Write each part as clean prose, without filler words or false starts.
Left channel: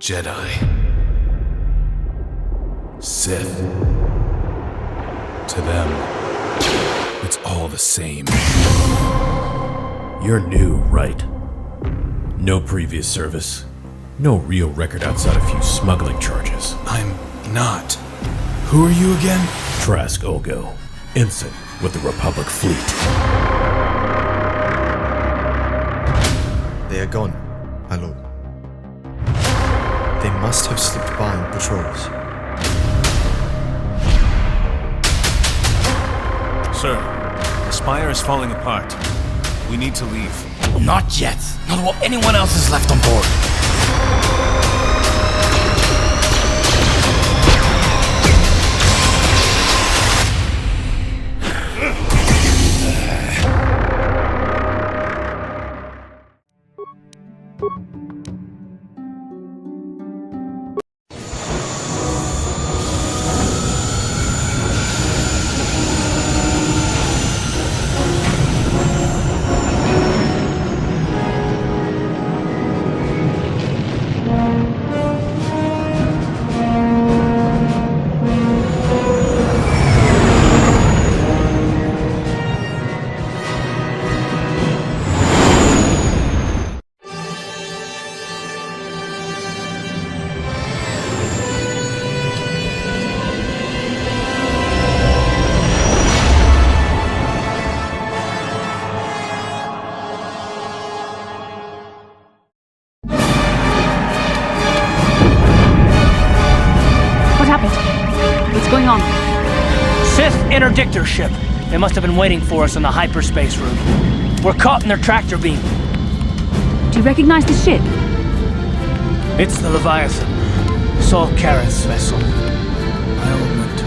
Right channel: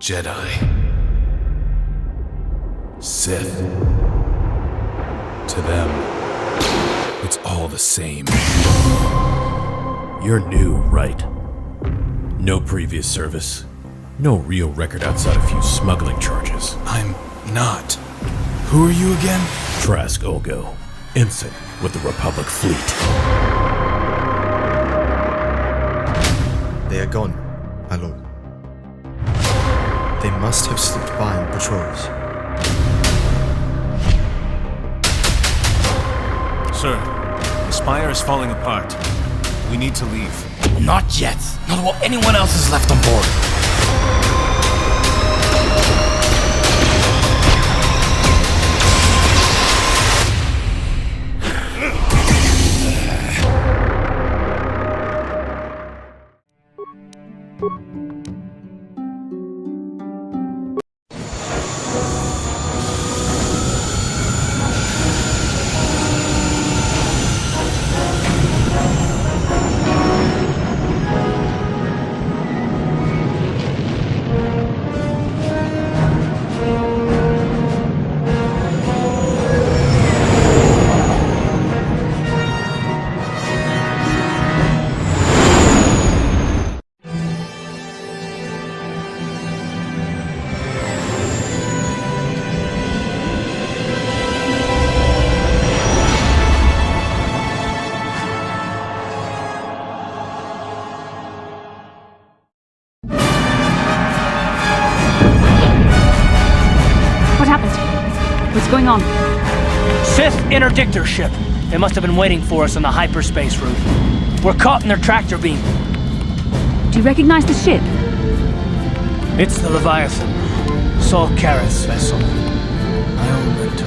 Jedi, Sith. To them, it's all the same. You're new, right? No previous service. No real record outside a few smuggling charges. I'm not. Who are you again? Trask Olgo, ensign with the Republic fleet. They are gone, my lord. They must have slipped by on patrols. Sir, the spire is falling apart. We need to leave. Not yet. Not while anyone else is left on board. What happened? What's going on? Sith interdictor ship. They must have been waiting for us on the hyperspace route. We're caught in their tractor beam. Do you recognize the ship? It's the Leviathan. Saul Kareth's vessel. My old mentor.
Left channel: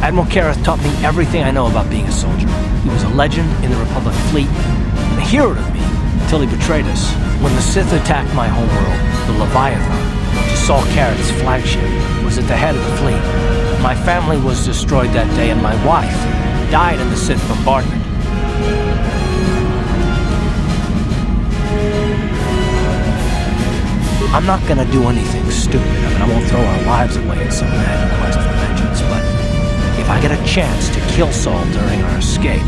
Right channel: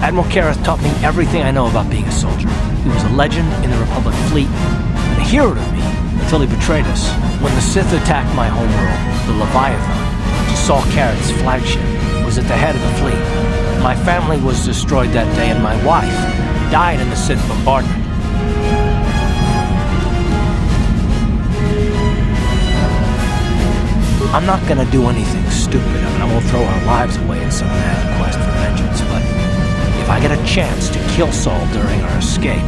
Admiral Kareth taught me everything I know about being a soldier. He was a legend in the Republic fleet, and a hero to me until he betrayed us. When the Sith attacked my homeworld, the Leviathan, which is Saul Kareth's flagship, was at the head of the fleet. My family was destroyed that day, and my wife died in the Sith bombardment. I'm not gonna do anything stupid. I won't throw our lives away in some mad quest for vengeance, but if I get a chance to kill Saul during our escape,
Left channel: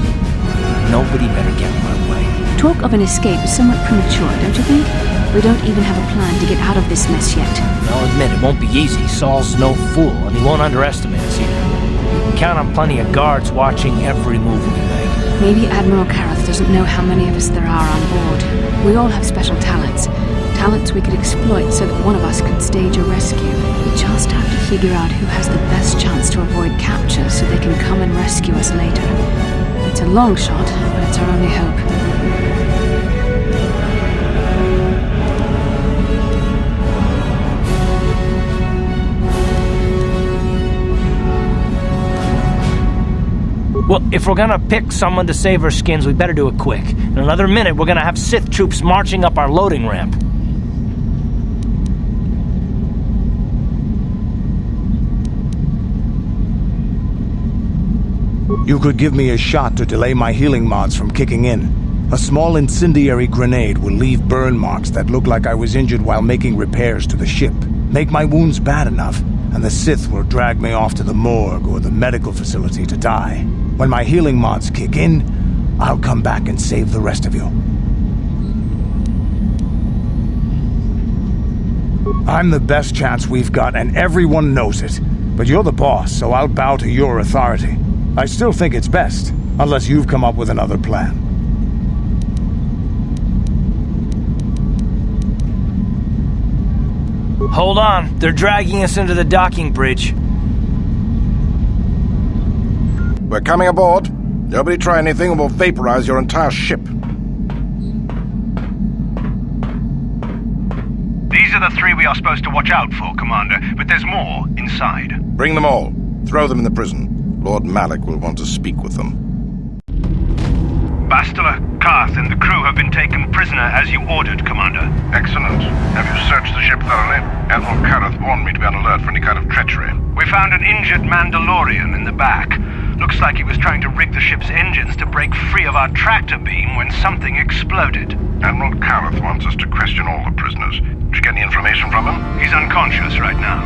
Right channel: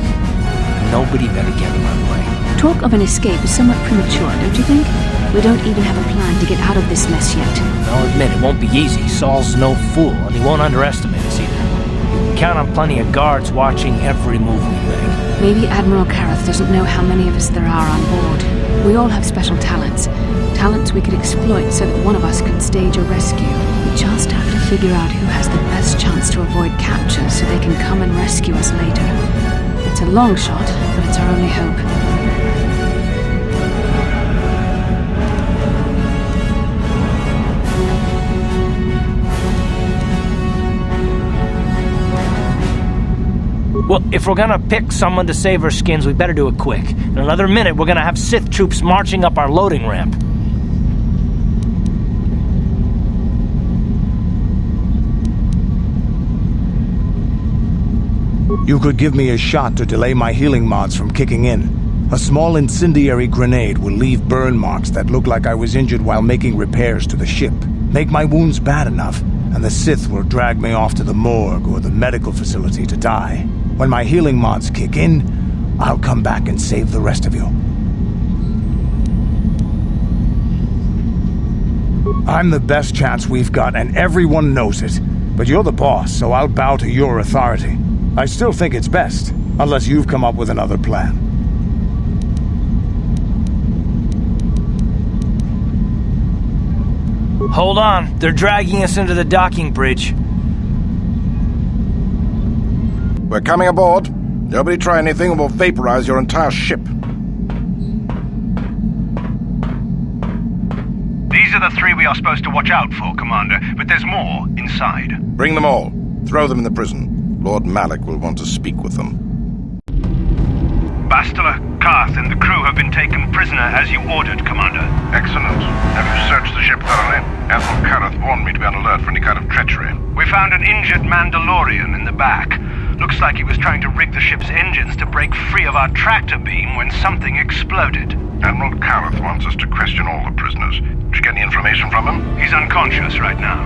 nobody better get in my way. Talk of an escape is somewhat premature, don't you think? We don't even have a plan to get out of this mess yet. I'll admit, it won't be easy. Saul's no fool, and he won't underestimate us either. You can count on plenty of guards watching every move we make. Maybe Admiral Kareth doesn't know how many of us there are on board. We all have special talents. Talents we could exploit so that one of us could stage a rescue. We just have to figure out who has the best chance to avoid capture so they can come and rescue us later. It's a long shot, but it's our only hope. Well, if we're gonna pick someone to save our skins, we better do it quick. In another minute, we're gonna have Sith troops marching up our loading ramp. You could give me a shot to delay my healing mods from kicking in. A small incendiary grenade will leave burn marks that look like I was injured while making repairs to the ship. Make my wounds bad enough, and the Sith will drag me off to the morgue or the medical facility to die. When my healing mods kick in, I'll come back and save the rest of you. I'm the best chance we've got, and everyone knows it. But you're the boss, so I'll bow to your authority. I still think it's best, unless you've come up with another plan. Hold on, they're dragging us into the docking bridge. We're coming aboard. Nobody try anything or we'll vaporize your entire ship. These are the 3 we are supposed to watch out for, Commander, but there's more inside. Bring them all. Throw them in the prison. Lord Malik will want to speak with them. Bastila, Karth, and the crew have been taken prisoner as you ordered, Commander. Excellent. Have you searched the ship thoroughly? Admiral Karth warned me to be on alert for any kind of treachery. We found an injured Mandalorian in the back. Looks like he was trying to rig the ship's engines to break free of our tractor beam when something exploded. Admiral Karth wants us to question all the prisoners. Did you get any information from him? He's unconscious right now.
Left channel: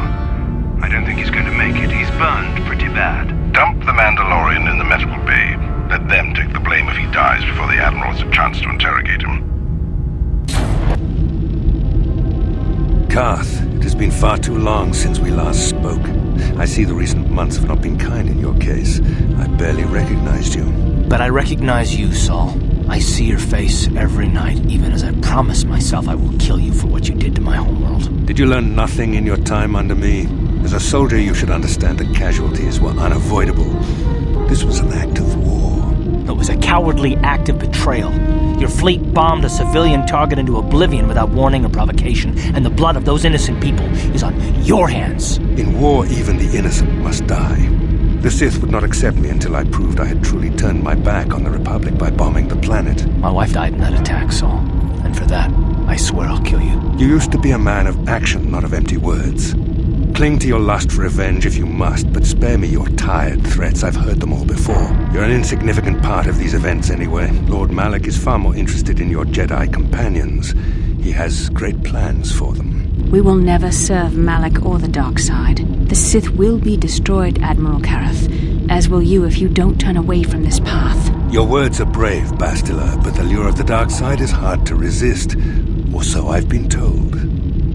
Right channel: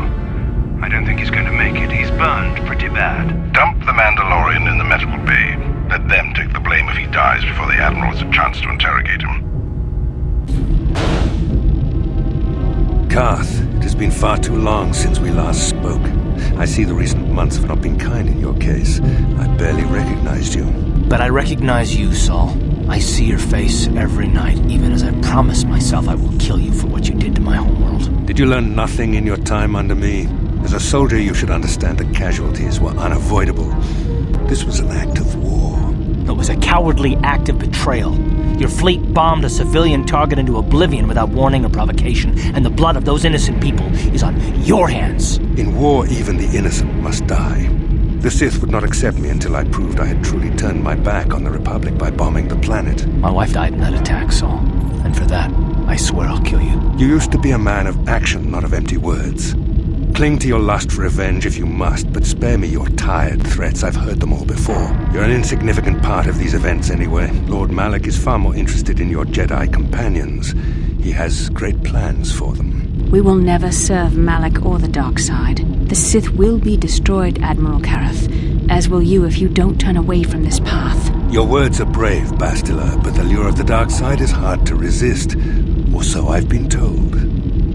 I don't think he's going to make it. He's burned pretty bad. Dump the Mandalorian in the medical bay. Let them take the blame if he dies before the Admiral has a chance to interrogate him. Karth, it has been far too long since we last spoke. I see the recent months have not been kind in your case. I barely recognized you. But I recognize you, Saul. I see your face every night, even as I promise myself I will kill you for what you did to my homeworld. Did you learn nothing in your time under me? As a soldier, you should understand that casualties were unavoidable. This was an act of war. It was a cowardly act of betrayal. Your fleet bombed a civilian target into oblivion without warning or provocation, and the blood of those innocent people is on your hands. In war, even the innocent must die. The Sith would not accept me until I proved I had truly turned my back on the Republic by bombing the planet. My wife died in that attack, Saul. And for that, I swear I'll kill you. You used to be a man of action, not of empty words. Cling to your lust for revenge if you must, but spare me your tired threats. I've heard them all before. You're an insignificant part of these events anyway. Lord Malik is far more interested in your Jedi companions. He has great plans for them. We will never serve Malik or the dark side. The Sith will be destroyed, Admiral Karth, as will you if you don't turn away from this path. Your words are brave, Bastila, but the lure of the dark side is hard to resist. Or so I've been told.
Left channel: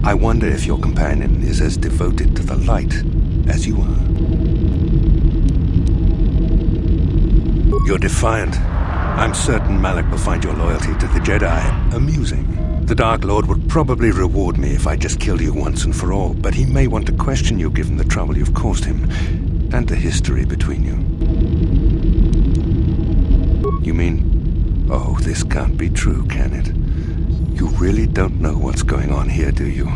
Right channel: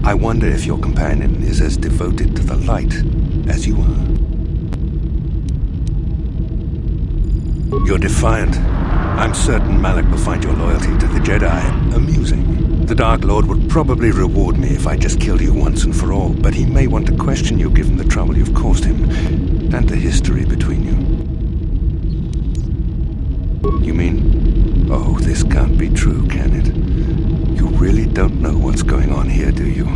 I wonder if your companion is as devoted to the light as you are. You're defiant. I'm certain Malik will find your loyalty to the Jedi amusing. The Dark Lord would probably reward me if I just killed you once and for all, but he may want to question you given the trouble you've caused him, and the history between you. You mean... Oh, this can't be true, can it? You really don't know what's going on here, do you?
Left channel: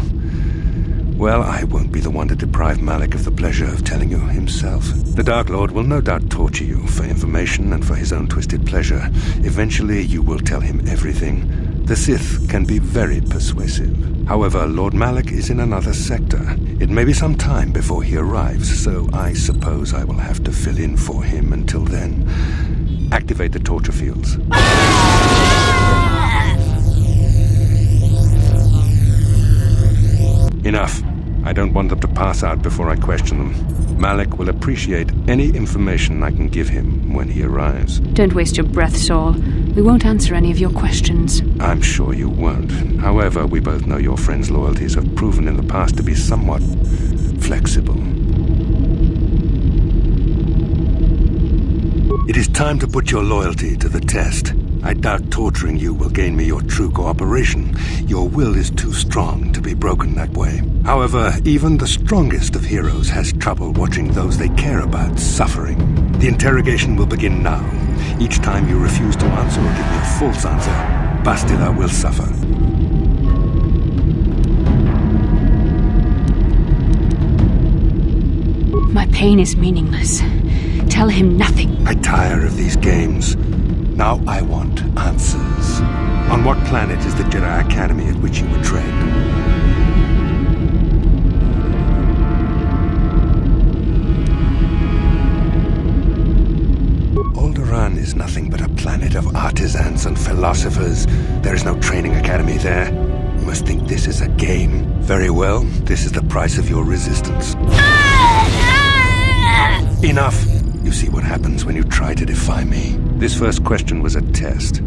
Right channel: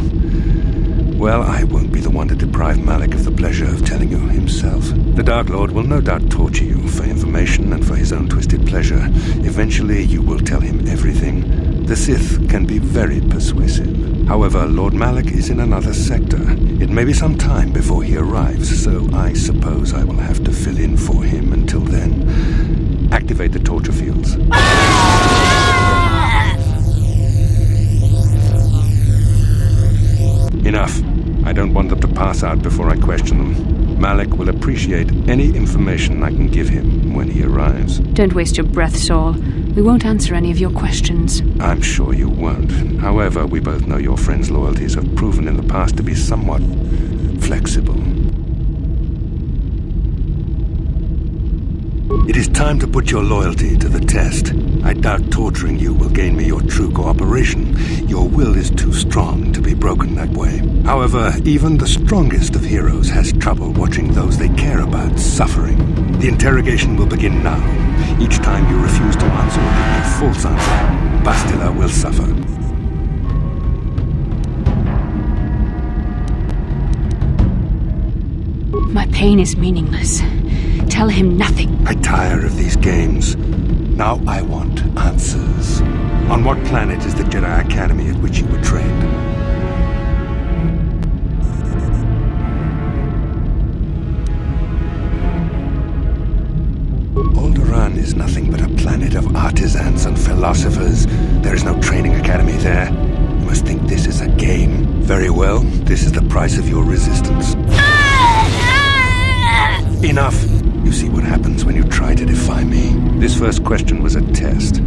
Well, I won't be the one to deprive Malik of the pleasure of telling you himself. The Dark Lord will no doubt torture you for information and for his own twisted pleasure. Eventually, you will tell him everything. The Sith can be very persuasive. However, Lord Malik is in another sector. It may be some time before he arrives, so I suppose I will have to fill in for him until then. Activate the torture fields. Enough. I don't want them to pass out before I question them. Malik will appreciate any information I can give him when he arrives. Don't waste your breath, Saul. We won't answer any of your questions. I'm sure you won't. However, we both know your friend's loyalties have proven in the past to be somewhat flexible. It is time to put your loyalty to the test. I doubt torturing you will gain me your true cooperation. Your will is too strong to be broken that way. However, even the strongest of heroes has trouble watching those they care about suffering. The interrogation will begin now. Each time you refuse to answer or give me a false answer, Bastila will suffer. My pain is meaningless. Tell him nothing. I tire of these games. Now I want answers. On what planet is the Jedi Academy at which you were trained? Alderaan is nothing but a planet of artisans and philosophers. There is no training academy there. You must think this is a game. Very well, this is the price of your resistance. Enough! You see what happens when you try to defy me. This first question was a test.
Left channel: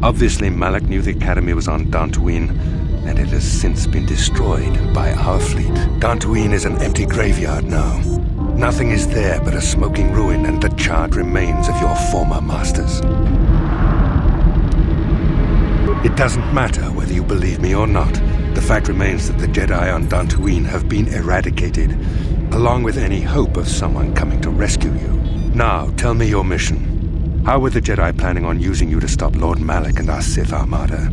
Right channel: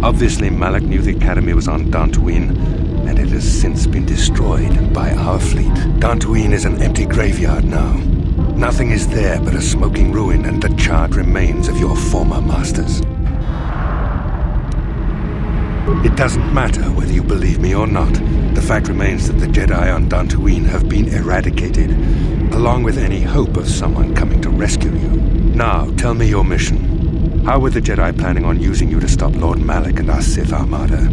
Obviously, Malik knew the Academy was on Dantooine, and it has since been destroyed by our fleet. Dantooine is an empty graveyard now. Nothing is there but a smoking ruin and the charred remains of your former masters. It doesn't matter whether you believe me or not. The fact remains that the Jedi on Dantooine have been eradicated, along with any hope of someone coming to rescue you. Now, tell me your mission. How were the Jedi planning on using you to stop Lord Malik and our Sith Armada?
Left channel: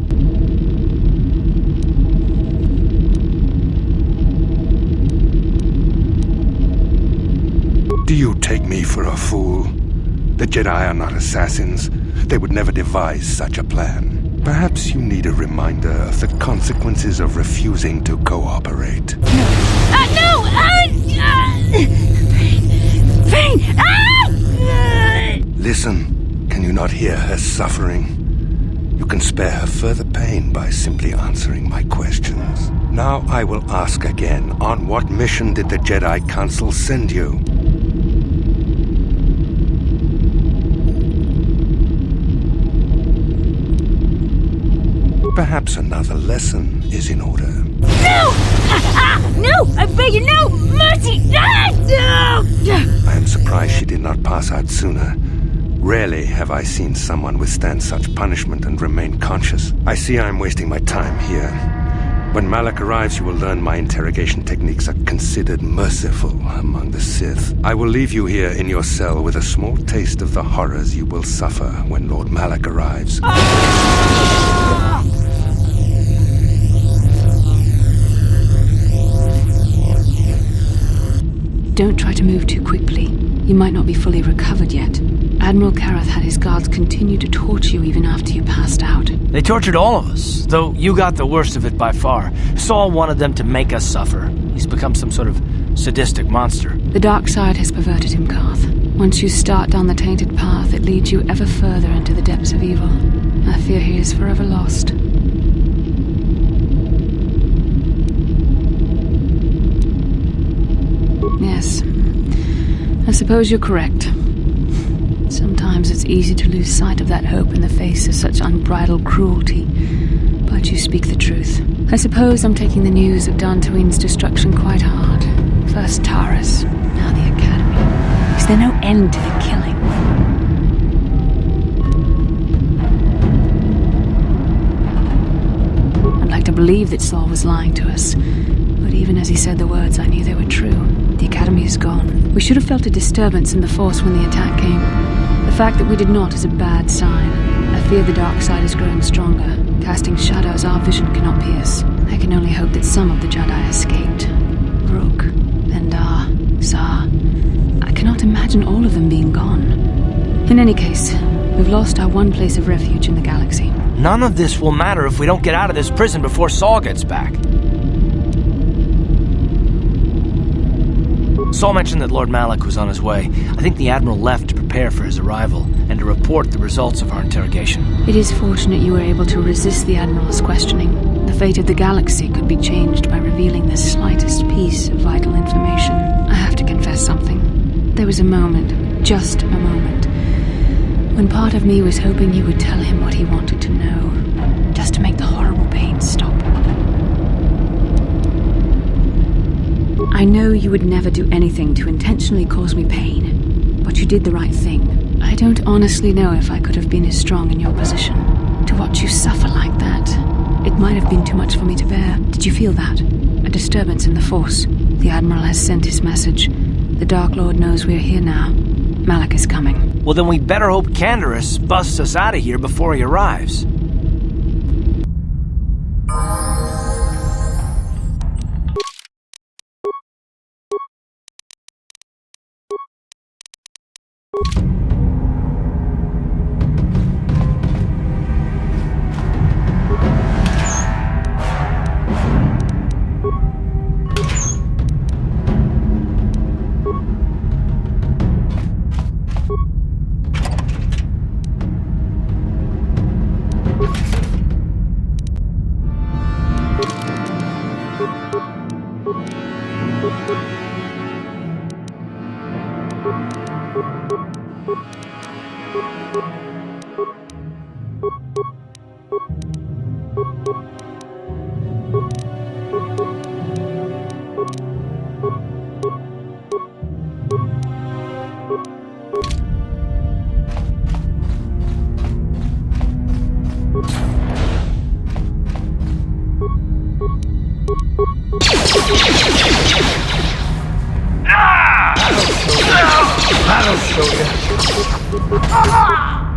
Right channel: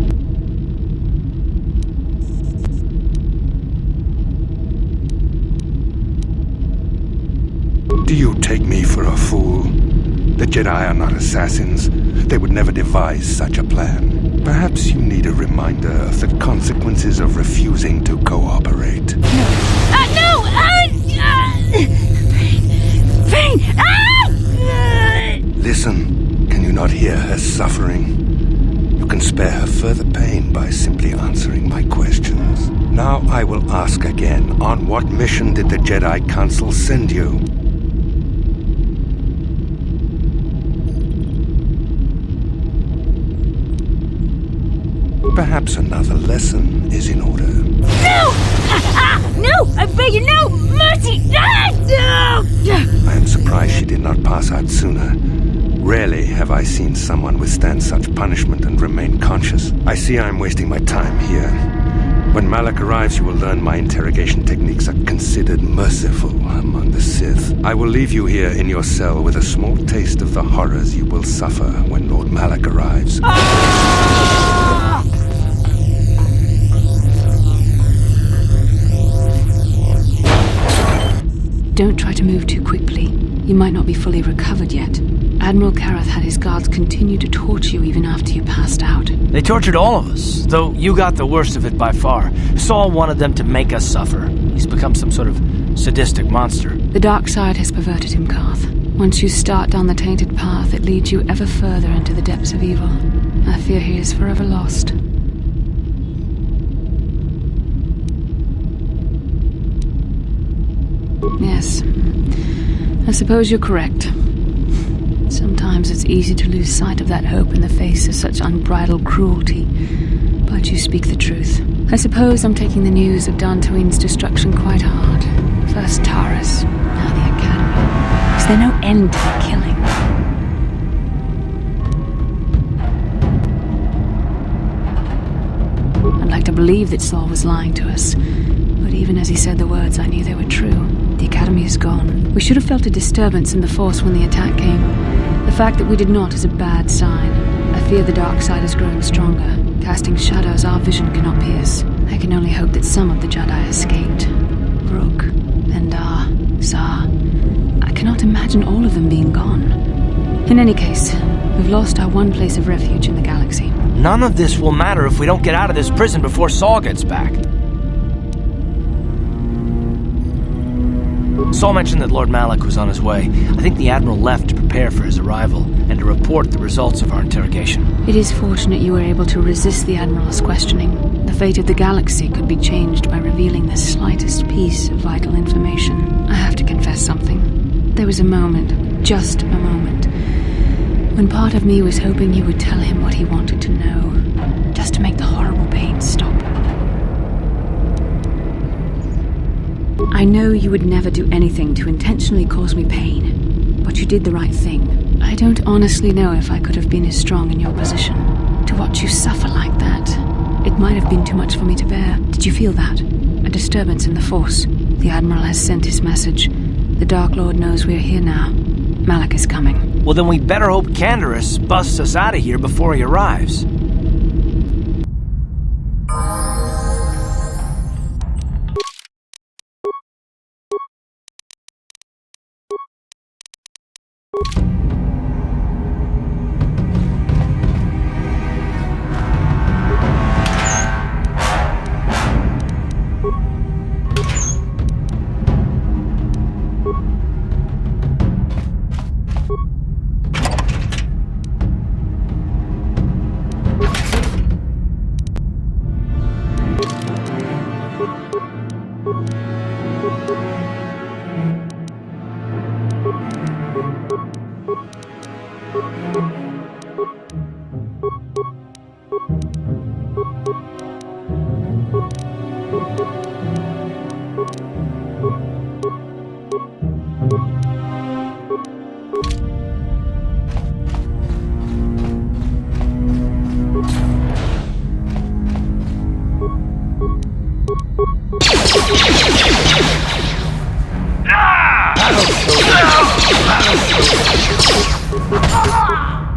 Do you take me for a fool? The Jedi are not assassins. They would never devise such a plan. Perhaps you need a reminder of the consequences of refusing to cooperate. No! Pain! Listen, can you not hear her suffering? You can spare her further pain by simply answering my questions. Now I will ask again, on what mission did the Jedi Council send you? Perhaps another lesson is in order. No! No! I beg you, no! Mercy! No! I am surprised she did not pass out sooner. Rarely have I seen someone withstand such punishment and remain conscious. I see I am wasting my time here. When Malak arrives, you will learn my interrogation techniques are considered merciful among the Sith. I will leave you here in your cell with a small taste of the horrors you will suffer when Lord Malak arrives. Don't try to move too quickly. You might not be fully recovered yet. Admiral Kareth had his guards continue to torture you even after you passed out. They tortured all of us, though you got the worst of it by far. Saul wanted them to make us suffer. He's become some sort of sadistic monster. The dark side has perverted him, Karth. Once you start down the tainted path, it leads you ever further into the depths of evil. I fear he is forever lost. Yes, I suppose you're correct. Sometimes it's easy to lose sight of that hope in the face of such unbridled cruelty. But you speak the truth. I suppose I'm taking the news of Dantooine's destruction quite hard. First Taurus, now the Academy. Is there no end to the killing? I'd like to believe that Saul was lying to us. But even as he said the words, I knew they were true. The Academy is gone. We should have felt a disturbance in the Force when the attack came. The fact that we did not is a bad sign. I fear the dark side is growing stronger, casting shadows our vision cannot pierce. I can only hope that some of the Jedi escaped. Rook, Endar, Zar. I cannot imagine all of them being gone. In any case, we've lost our one place of refuge in the galaxy. None of this will matter if we don't get out of this prison before Saul gets back. Saul mentioned that Lord Malak was on his way. I think the Admiral left to prepare for his arrival and to report the results of our interrogation. It is fortunate you were able to resist the Admiral's questioning. The fate of the galaxy could be changed by revealing the slightest piece of vital information. I have to confess something. There was a moment, just a moment, when part of me was hoping you would tell him what he wanted to know, just to make the horrible pain stop. I know you would never do anything to intentionally cause me pain, but you did the right thing. I don't honestly know if I could have been as strong in your position. To watch you suffer like that, it might have been too much for me to bear. Did you feel that? A disturbance in the Force. The Admiral has sent his message. The Dark Lord knows we're here now. Malak is coming. Well, then we'd better hope Canderous busts us out of here before he arrives.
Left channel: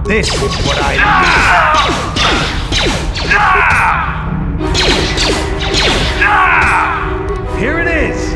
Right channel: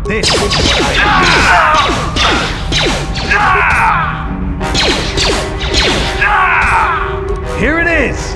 This is what I need. Here it is!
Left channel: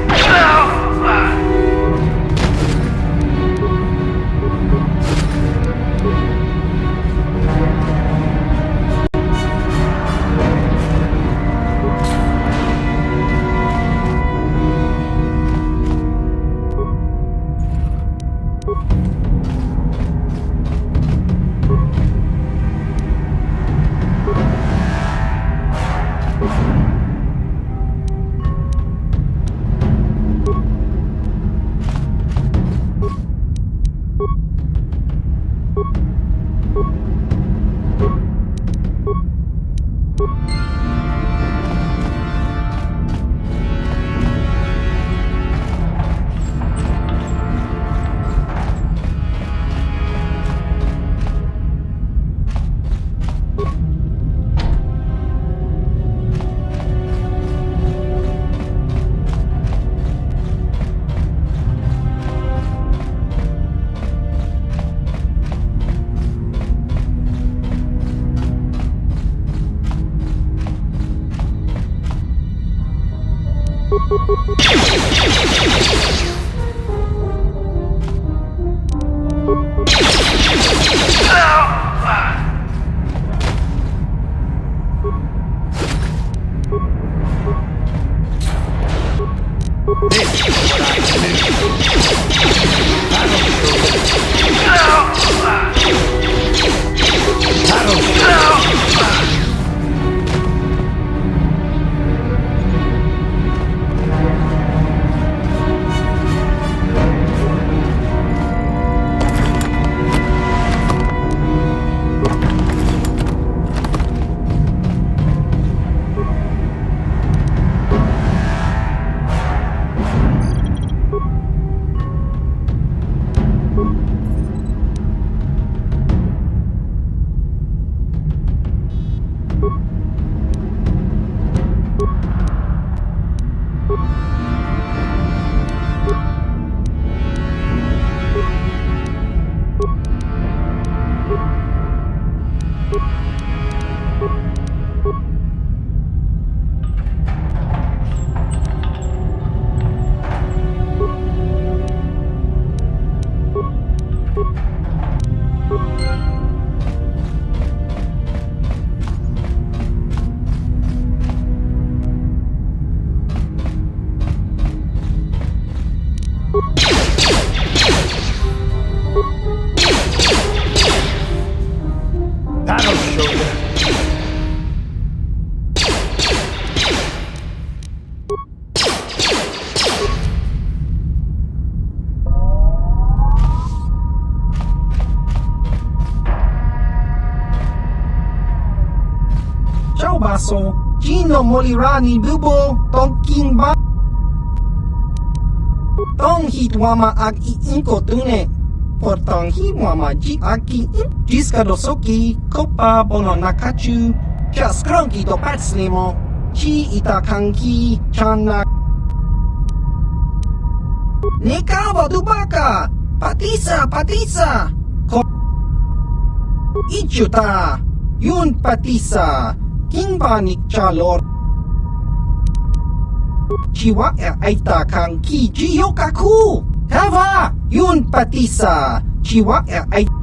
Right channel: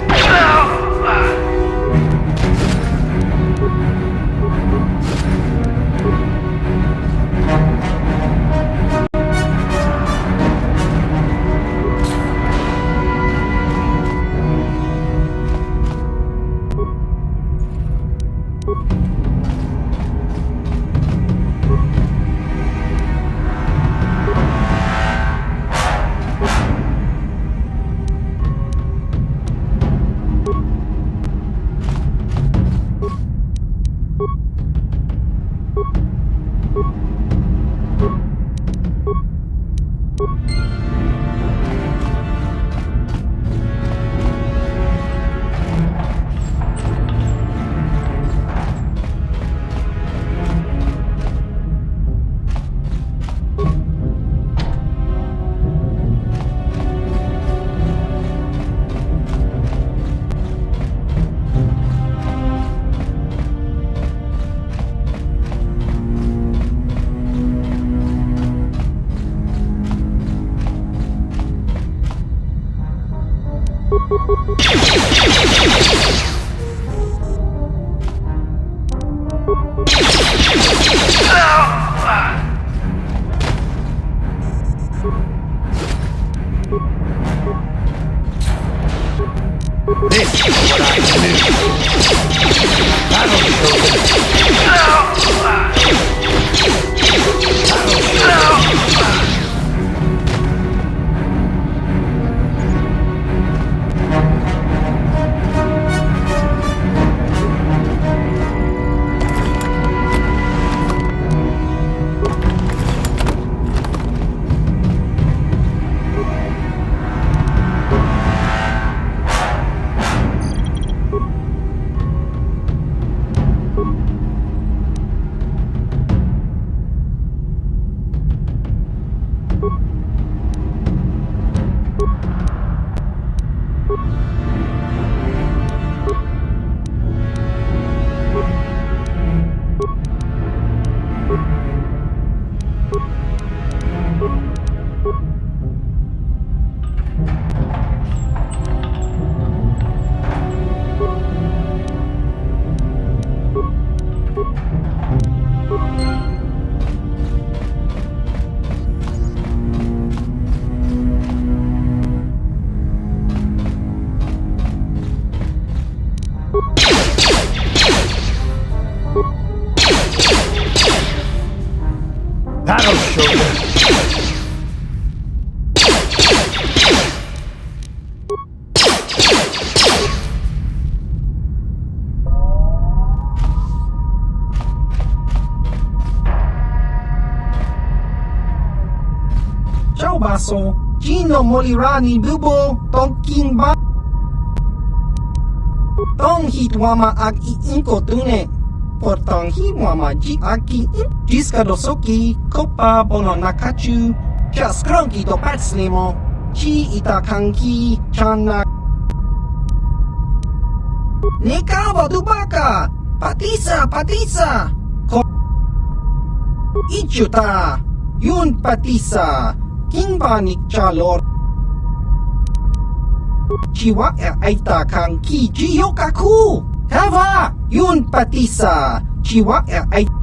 That'll show you. Ciao basso, Gino Molirani Bubo Tonking Ba Tong Hitwama Ag Inko Tune Portong Hiwama Ji Aki Jiska Dosoki Kopa Bono Nakachu Chaskronki Do Patslimo Chi Itakanki Chana Nekawa Dubaka Patisa Ichuta Yun Patisa Kingbanik Chalor Chiwa Aita Kang Ki Jiyokaku Hava Yun Patisa Chiwa Aita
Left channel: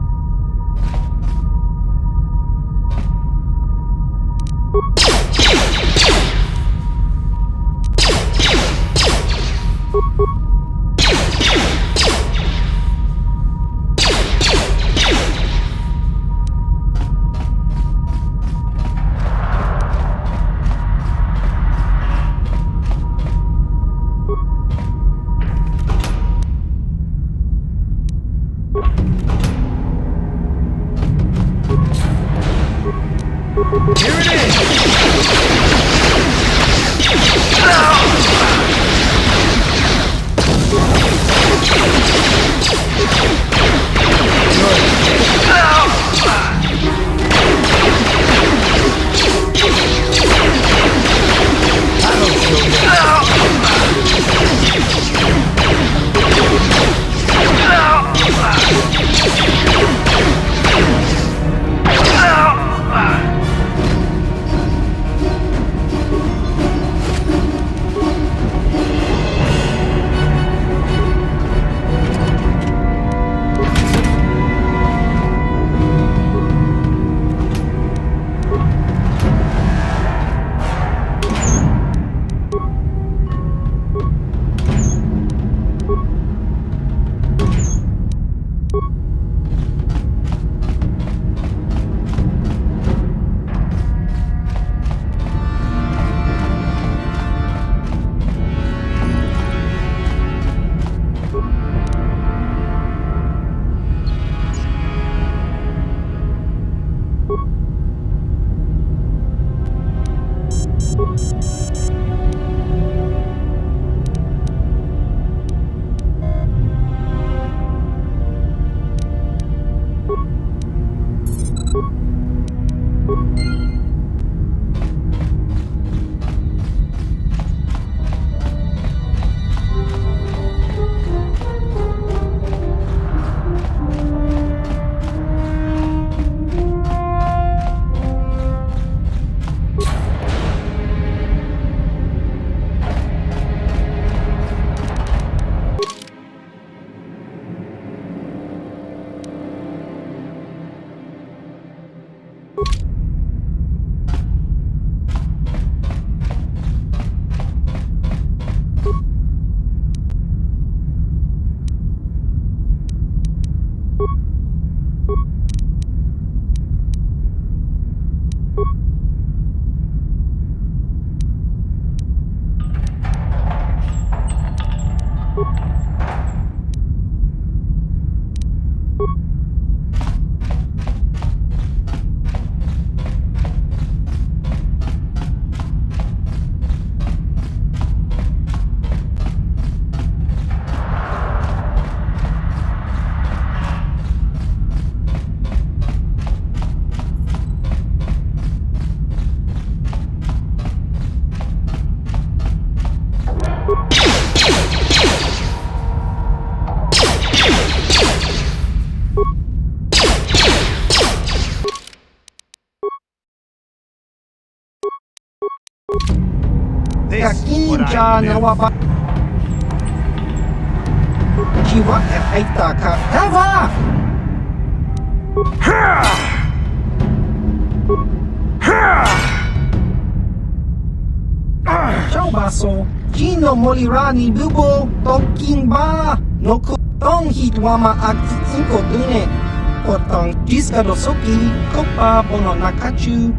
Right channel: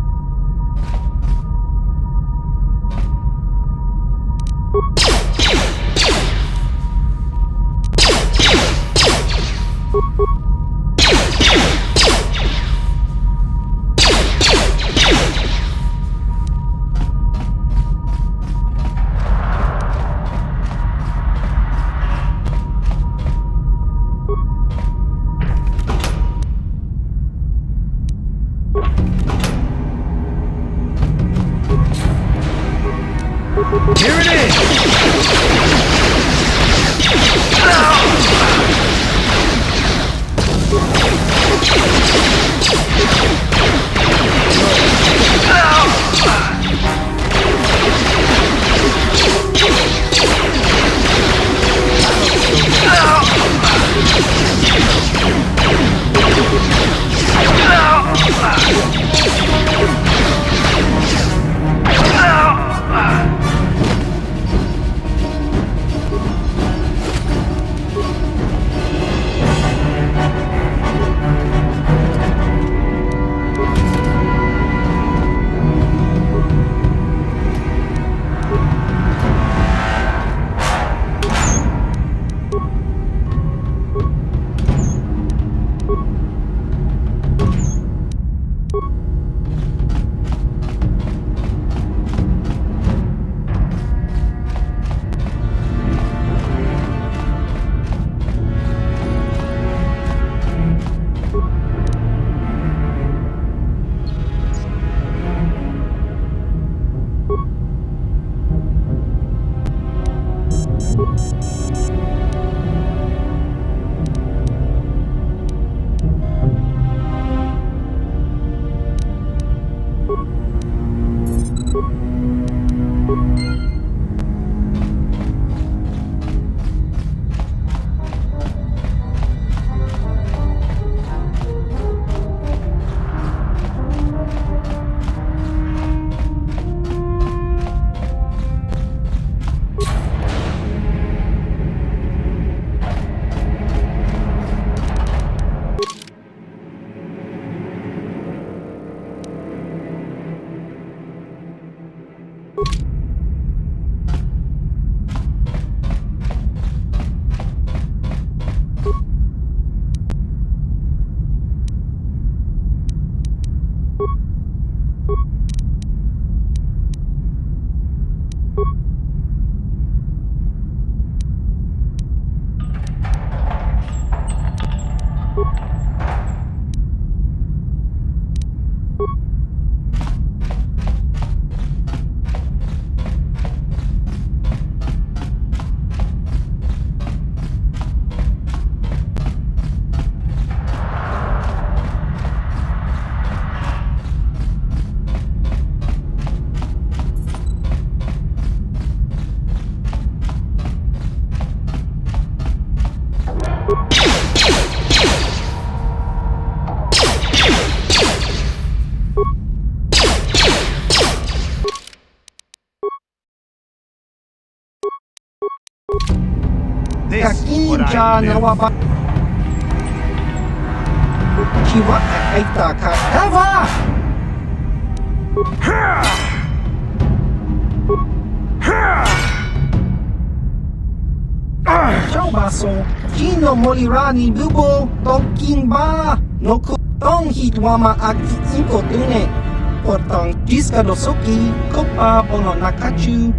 This is what I live. Chiwa ay taka. Eva! Ciao baso. Gino molirani bubo toking ba. No ku tong hitwama ag inko dune. Potong jiska dosoki kopa bono nakachu.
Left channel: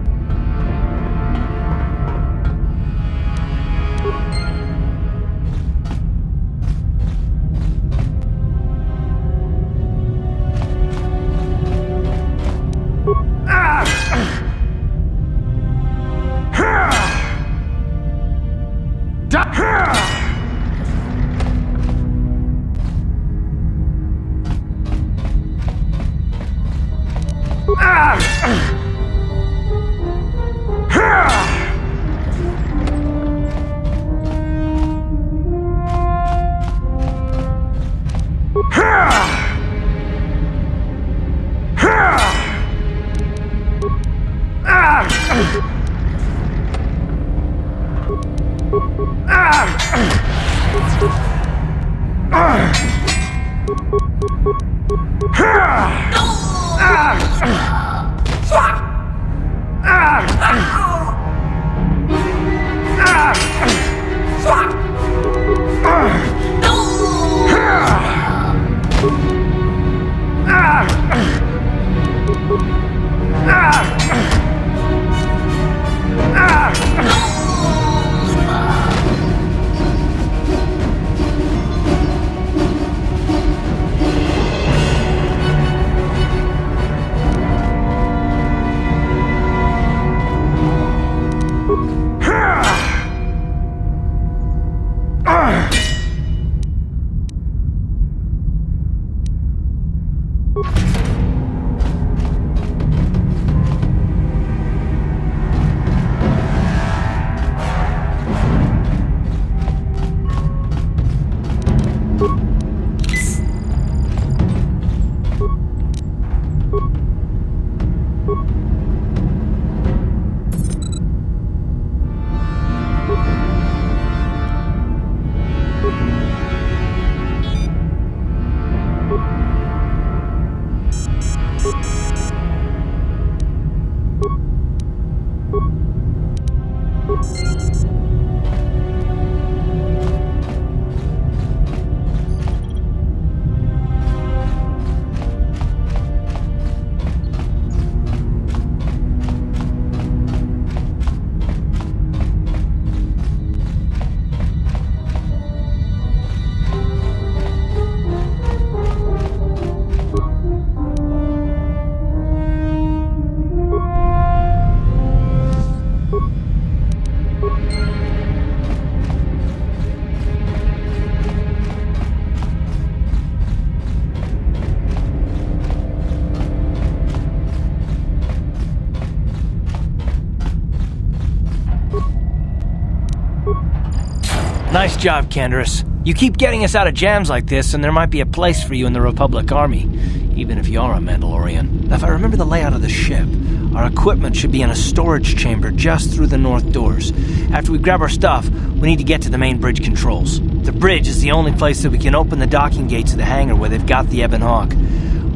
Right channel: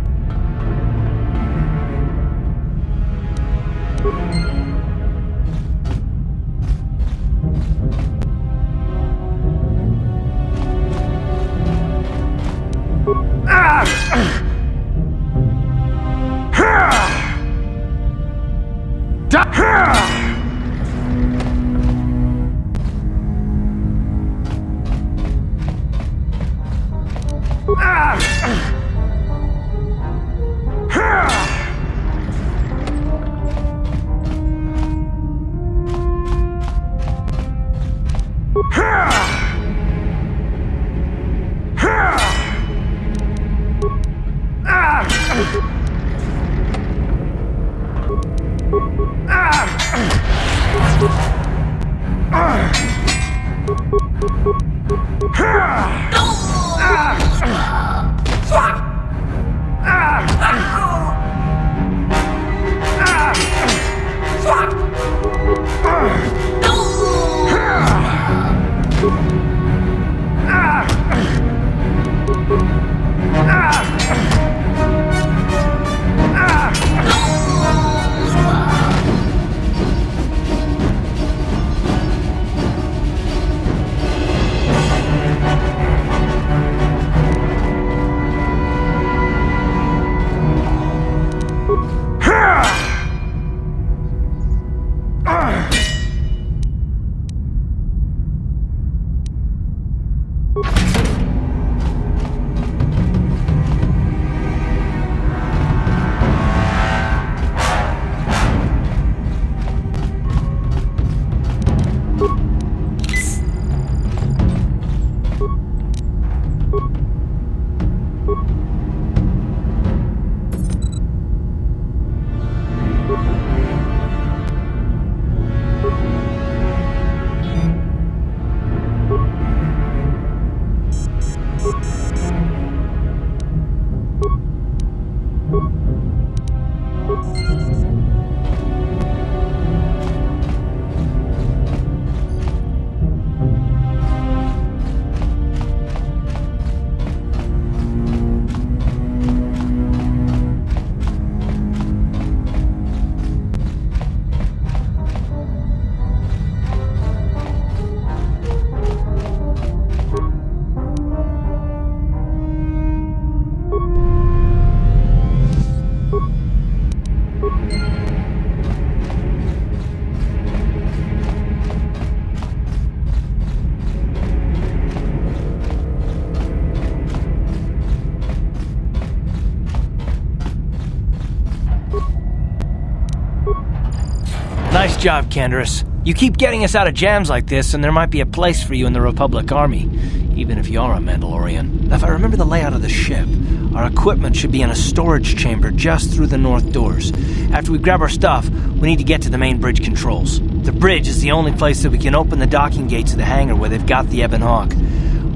Nice job, Canderous. You keep getting us out of jams like this, and there might be a place for you in the Republic Army, even if you are a Mandalorian. If I remember the layout of the ship, our equipment should be in a storage chamber just through the north doors. After we grab our stuff, we need to get to the main bridge controls. The bridge is the only place that we can open the docking gates of the hangar where they've got the Ebon Hawk.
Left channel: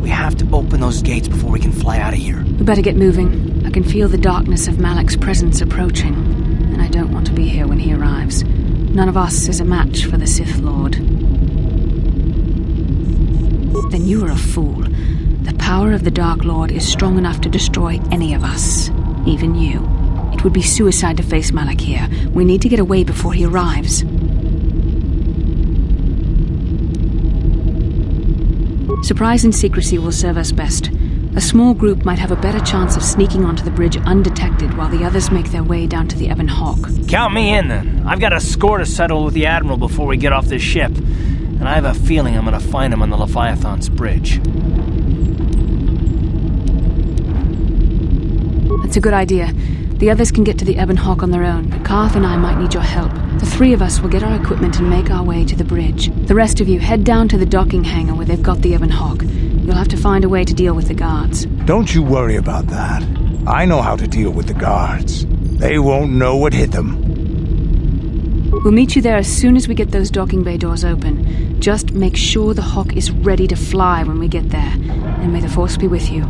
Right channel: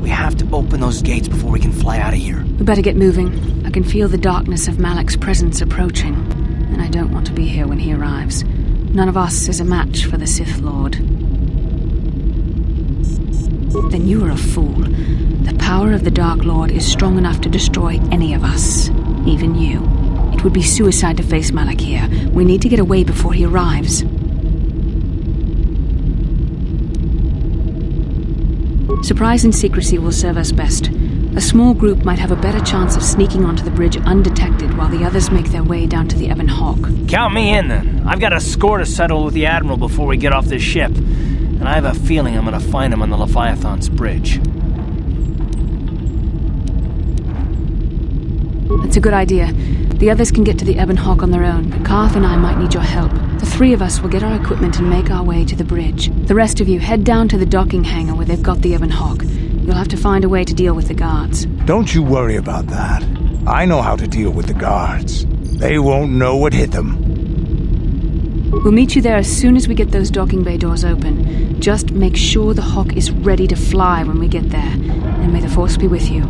We have to open those gates before we can fly out of here. We better get moving. I can feel the darkness of Malik's presence approaching, and I don't want to be here when he arrives. None of us is a match for the Sith Lord. Then you are a fool. The power of the Dark Lord is strong enough to destroy any of us, even you. It would be suicide to face Malik here. We need to get away before he arrives. Surprise and secrecy will serve us best. A small group might have a better chance of sneaking onto the bridge undetected while the others make their way down to the Ebon Hawk. Count me in, then. I've got a score to settle with the Admiral before we get off this ship, and I have a feeling I'm going to find him on the Leviathan's bridge. That's a good idea. The others can get to the Ebon Hawk on their own, but Karth and I might need your help. The three of us will get our equipment and make our way to the bridge. The rest of you head down to the docking hangar where they've got the Ebon Hawk. You'll have to find a way to deal with the guards. Don't you worry about that. I know how to deal with the guards. They won't know what hit them. We'll meet you there as soon as we get those docking bay doors open. Just make sure the Hawk is ready to fly when we get there. And may the Force be with you.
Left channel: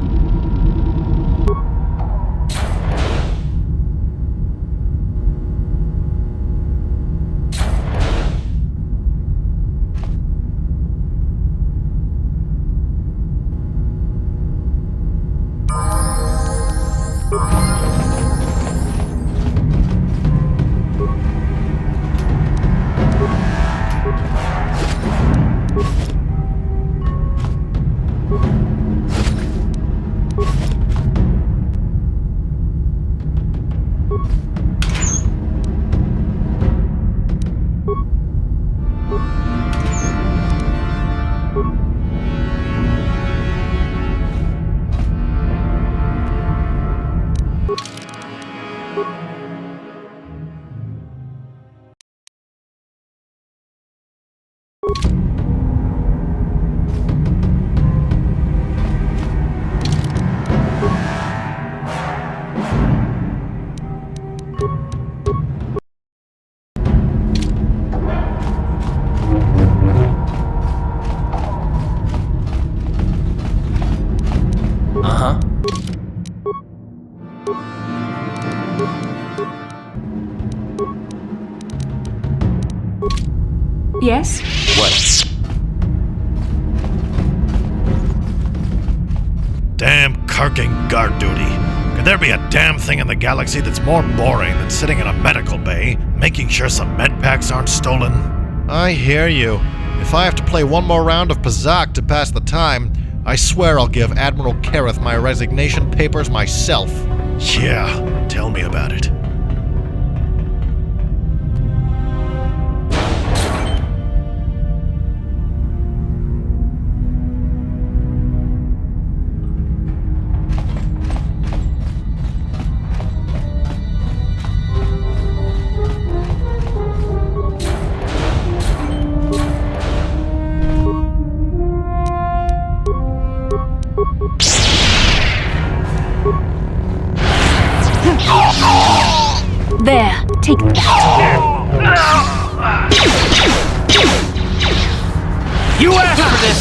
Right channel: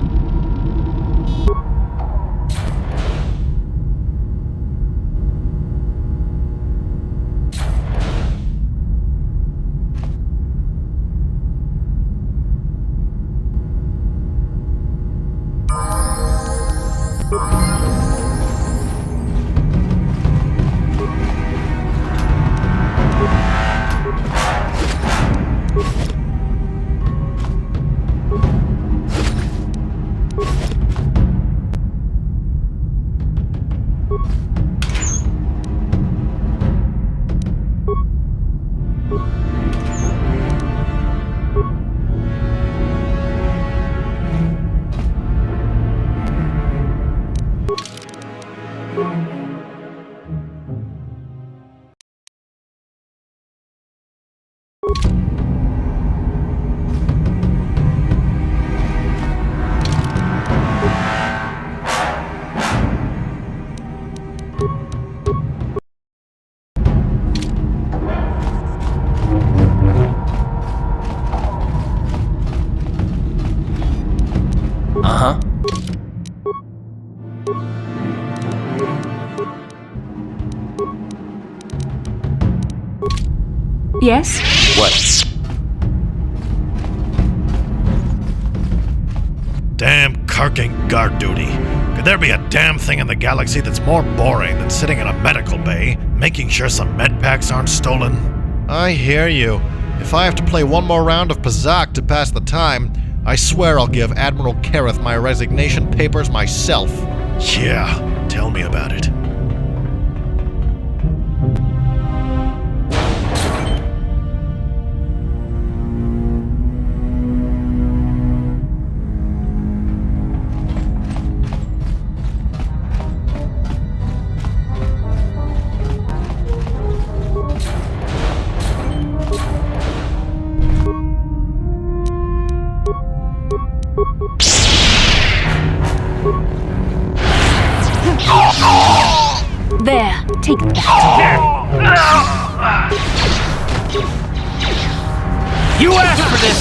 Yes? What? Damn carking guard duty. Could there be a damn thing in the galaxy that's more boring than sitting in a medical bay, making sure some med packs aren't stolen? I hear you. If I have to play one more round of Pazak to pass the time, I swear I'll give Admiral Kareth my resignation papers myself. Yeah, tell me about it. There, take that. You asked for this!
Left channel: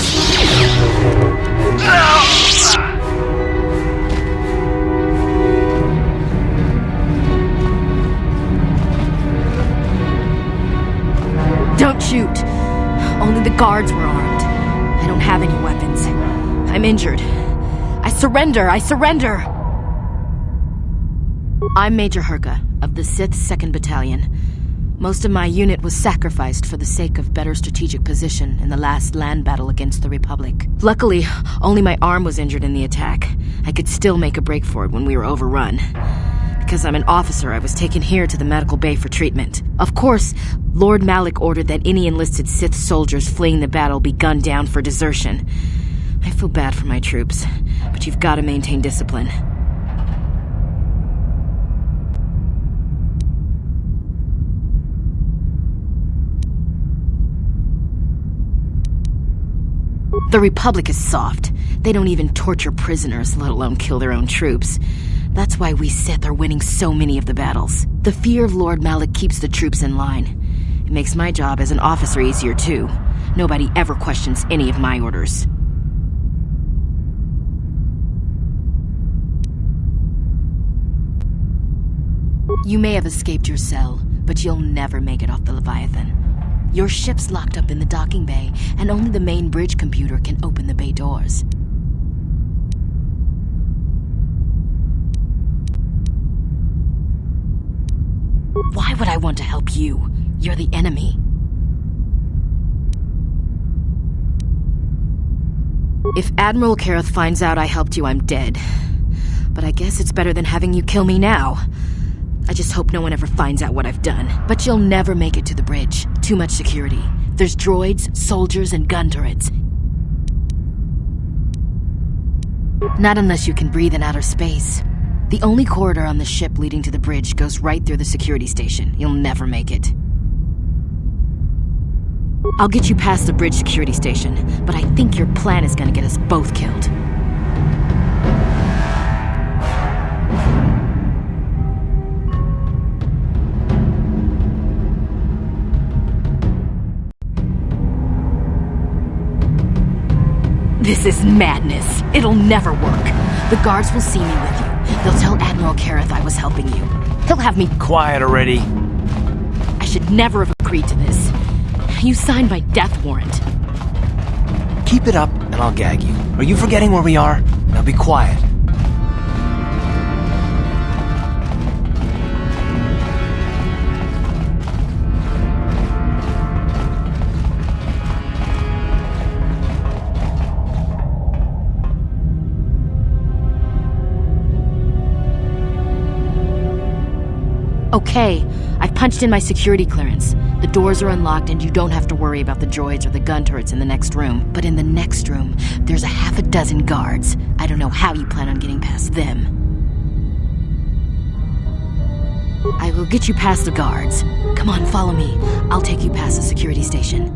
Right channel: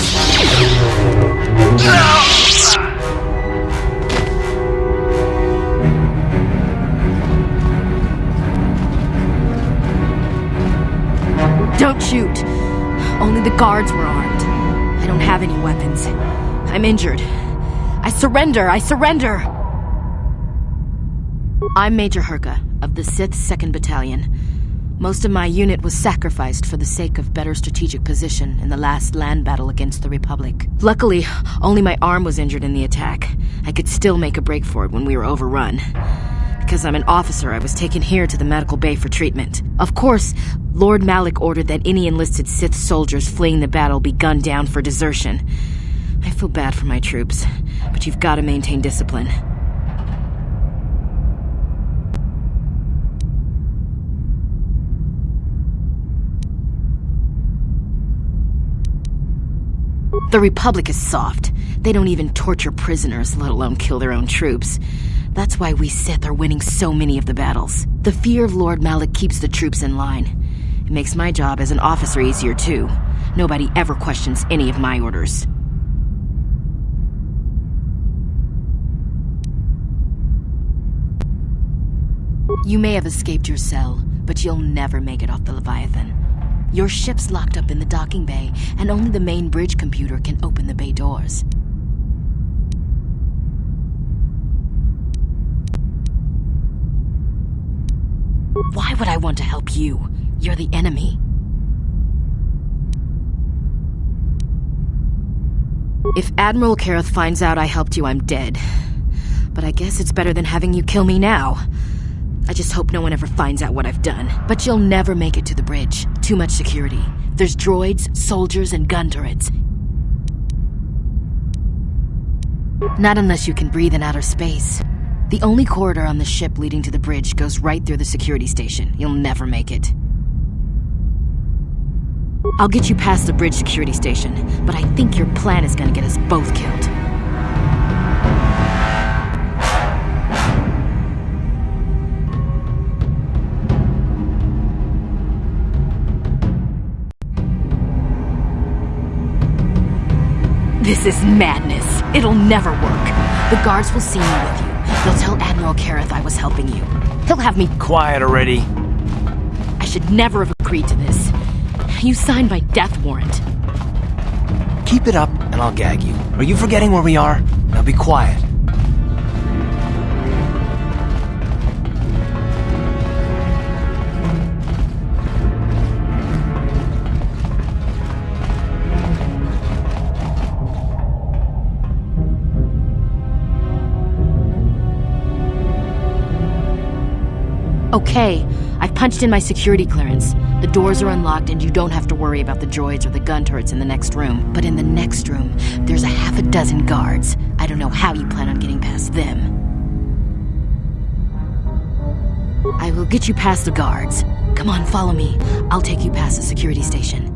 Don't shoot. Only the guards were armed. I don't have any weapons. I'm injured. I surrender! I surrender! I'm Major Herka of the Sith 2nd Battalion. Most of my unit was sacrificed for the sake of better strategic position in the last land battle against the Republic. Luckily, only my arm was injured in the attack. I could still make a break for it when we were overrun. Because I'm an officer, I was taken here to the medical bay for treatment. Of course, Lord Malik ordered that any enlisted Sith soldiers fleeing the battle be gunned down for desertion. I feel bad for my troops, but you've got to maintain discipline. The Republic is soft. They don't even torture prisoners, let alone kill their own troops. That's why we Sith are winning so many of the battles. The fear of Lord Malak keeps the troops in line. It makes my job as an officer easier too. Nobody ever questions any of my orders. You may have escaped your cell, but you'll never make it off the Leviathan. Your ship's locked up in the docking bay, and only the main bridge computer can open the bay doors. Why would I want to help you? You're the enemy. If Admiral Kareth finds out I helped you, I'm dead. But I guess it's better than having you kill me now. I just hope no one ever finds out what I've done. But you'll never make it to the bridge. Too much security. There's droids, soldiers, and gun turrets. Not unless you can breathe in outer space. The only corridor on the ship leading to the bridge goes right through the security station. You'll never make it. I'll get you past the bridge security station, but I think your plan is gonna get us both killed. This is madness. It'll never work. The guards will see me with you. They'll tell Admiral Kareth I was helping you. He'll have me— Quiet already. I should never have agreed to this. You signed my death warrant. Keep it up, and I'll gag you. Are you forgetting where we are? Now be quiet. Okay, I've punched in my security clearance. The doors are unlocked and you don't have to worry about the droids or the gun turrets in the next room. But in the next room, there's a half a dozen guards. I don't know how you plan on getting past them. I will get you past the guards. Come on, follow me. I'll take you past the security station.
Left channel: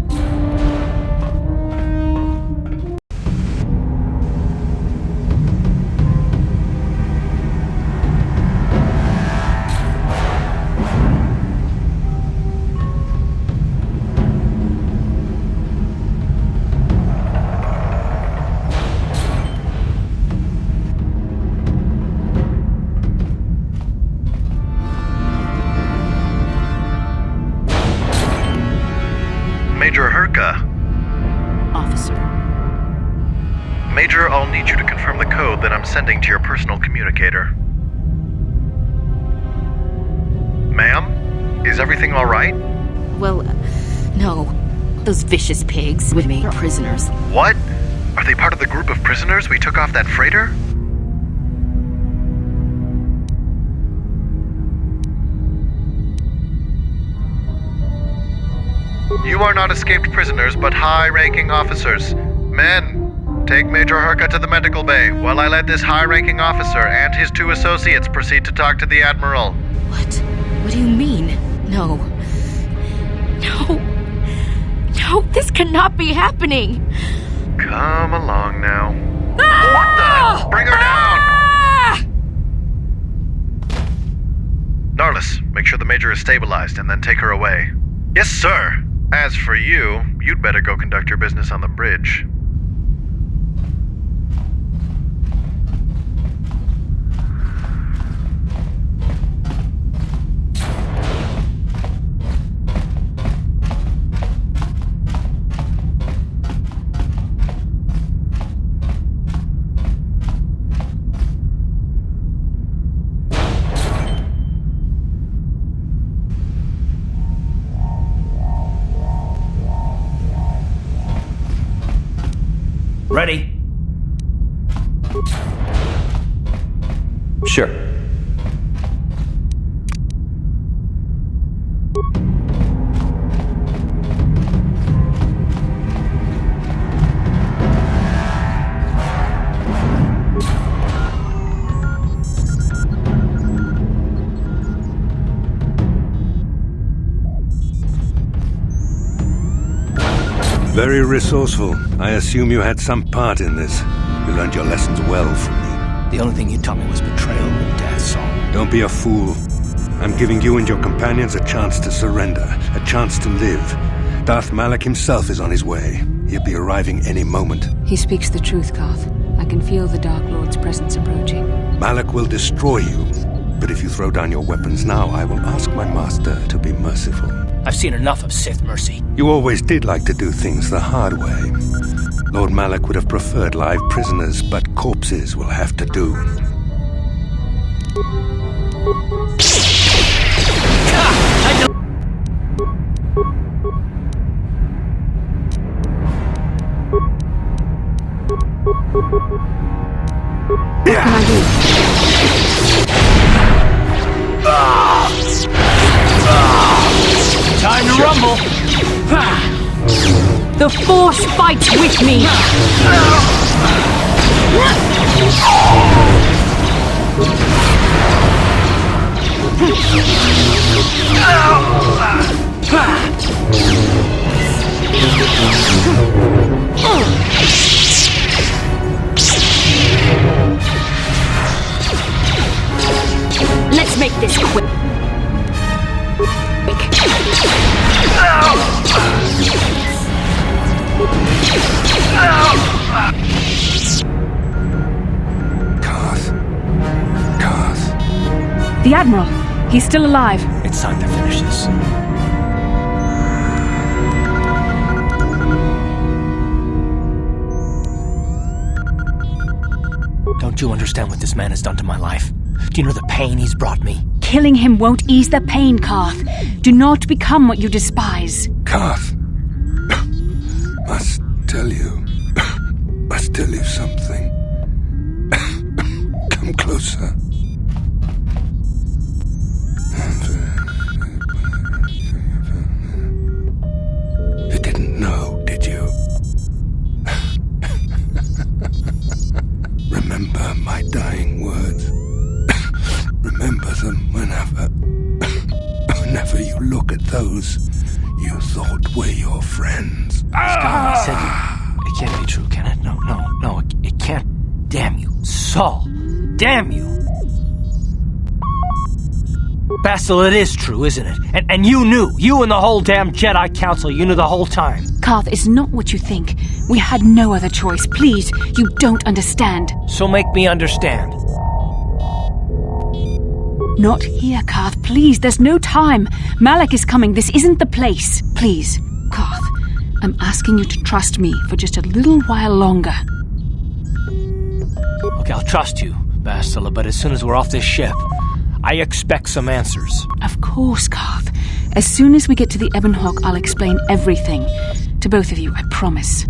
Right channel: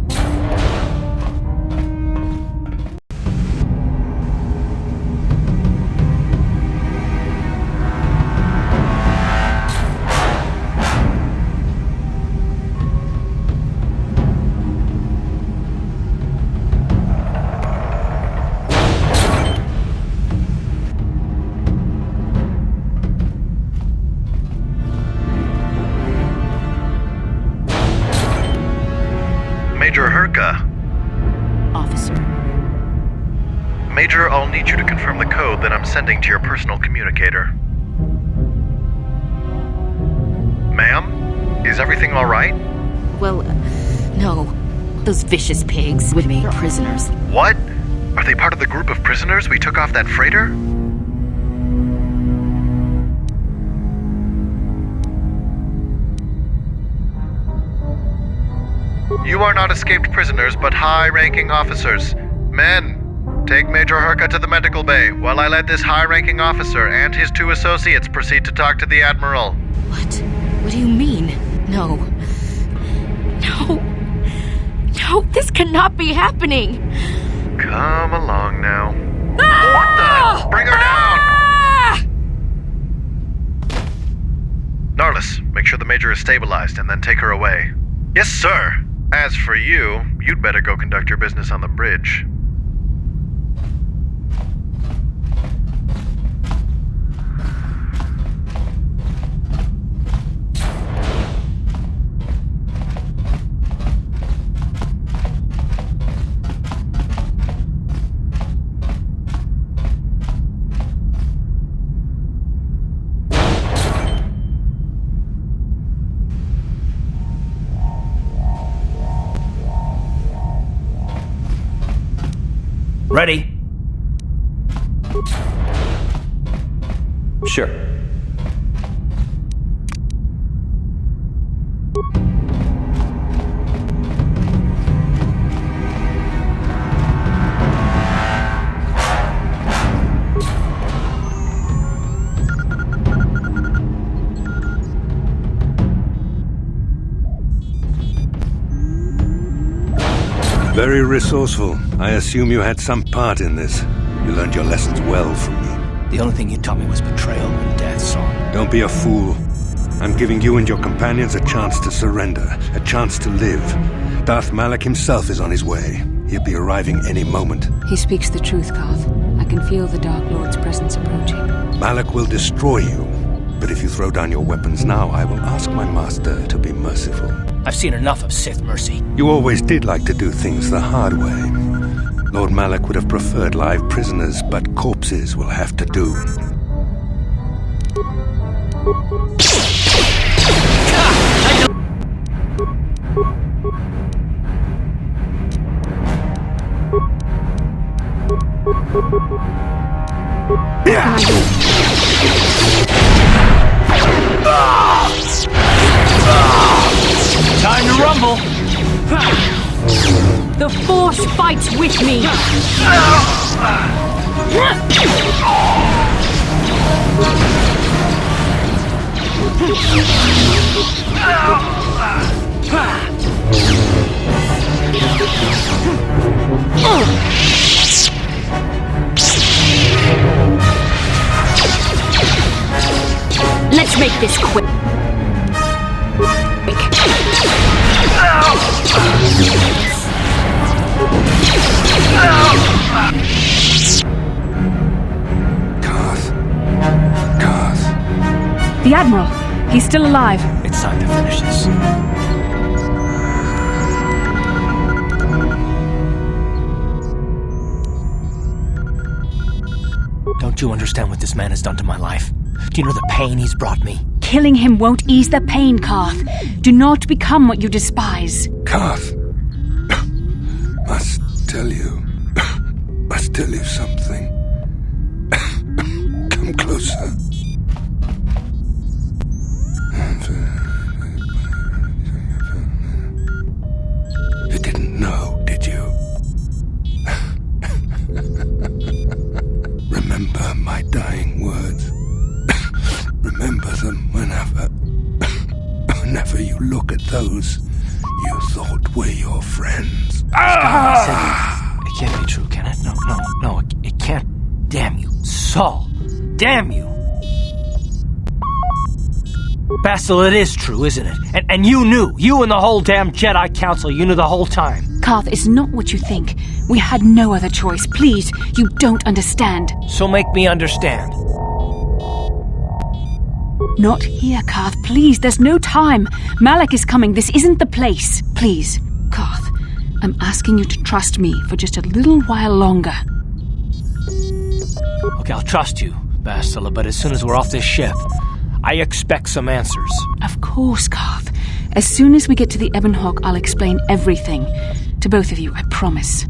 Major Herka. Officer. Major, I'll need you to confirm the code that I'm sending to your personal communicator. Ma'am? Is everything all right? Well, no. Those vicious pigs with me are prisoners. What? Are they part of the group of prisoners we took off that freighter? You are not escaped prisoners, but high-ranking officers. Men, take Major Herka to the medical bay, while I let this high-ranking officer and his 2 associates proceed to talk to the Admiral. What? What do you mean? No. No. No, this cannot be happening. Come along now. Ah! What the? Bring her down! Narlis, make sure the Major is stabilized and then take her away. Yes, sir. As for you, you'd better go conduct your business on the bridge. Ready? Sure. Very resourceful. I assume you had some part in this. You learned your lessons well from me. The only thing you taught me was betrayal and death, so... Don't be a fool. I'm giving you and your companions a chance to surrender, a chance to live. Darth Malak himself is on his way. He'll be arriving any moment. He speaks the truth, Karth. I can feel the Dark Lord's presence approaching. Malak will destroy you. But if you throw down your weapons now, I will ask my master to be merciful. I've seen enough of Sith mercy. You always did like to do things the hard way. Lord Malak would have preferred live prisoners, but corpses will have to do. What can I do? Time to rumble! The Force fights with me! Let's make this quick. Karth. The Admiral. He's still alive. It's time to finish this. Don't you understand what this man has done to my life? Do you know the pain he's brought me? Killing him won't ease the pain, Karth. Do not become what you despise. Karth. Must tell you something. Come closer. You didn't know, did you? Remember my dying words. Remember them whenever you look at those you thought were your friends. I said it can't be true, can it? No, it can't. Damn you, Saul. Damn you. Bastille, it is true, isn't it? And you knew. You and the whole damn Jedi Council, you knew the whole time. Karth, it's not what you think. We had no other choice. Please, you don't understand. So make me understand. Not here, Karth. Please, there's no time. Malak is coming. This isn't the place. Please, Karth, I'm asking you to trust me for just a little while longer. Okay, I'll trust you, Bastille, but as soon as we're off this ship, I expect some answers. Of course, Karth. As soon as we get to the Ebon Hawk, I'll explain everything. To both of you, I promise.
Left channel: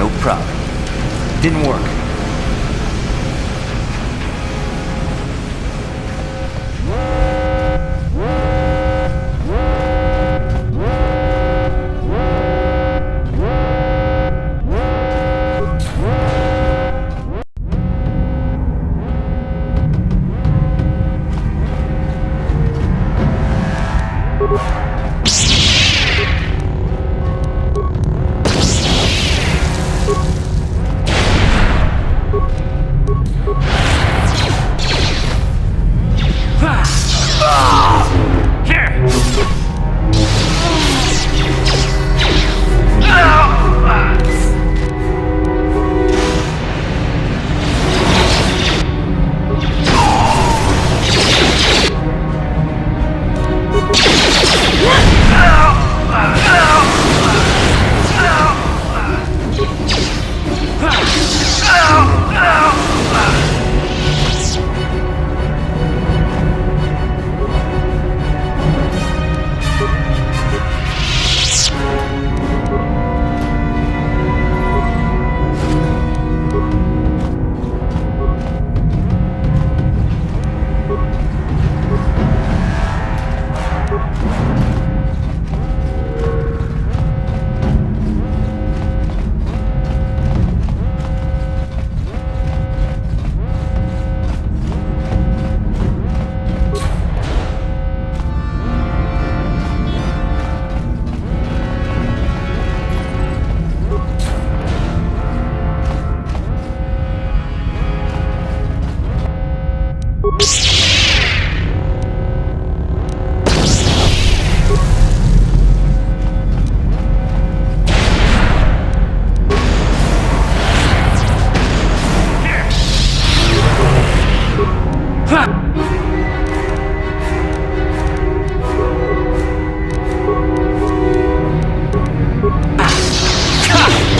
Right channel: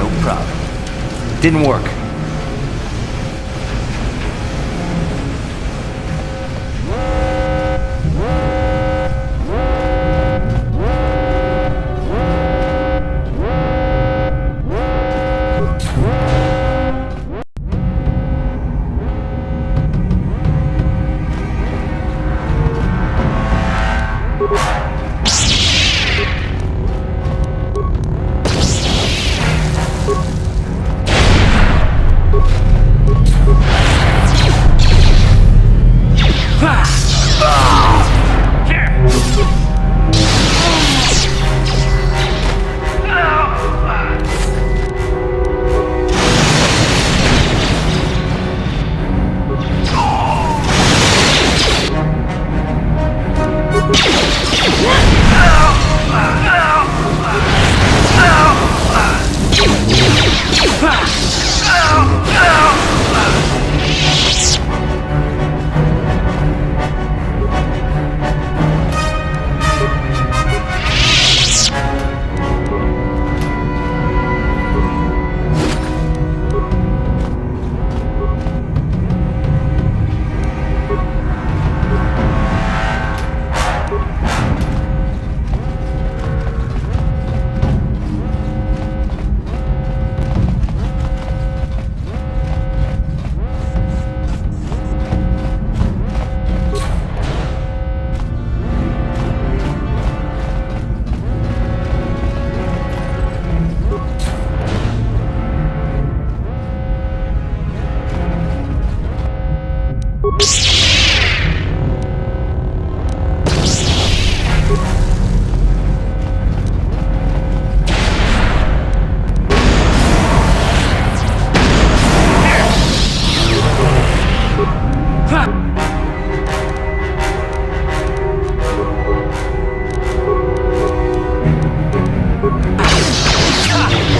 No problem. Didn't work.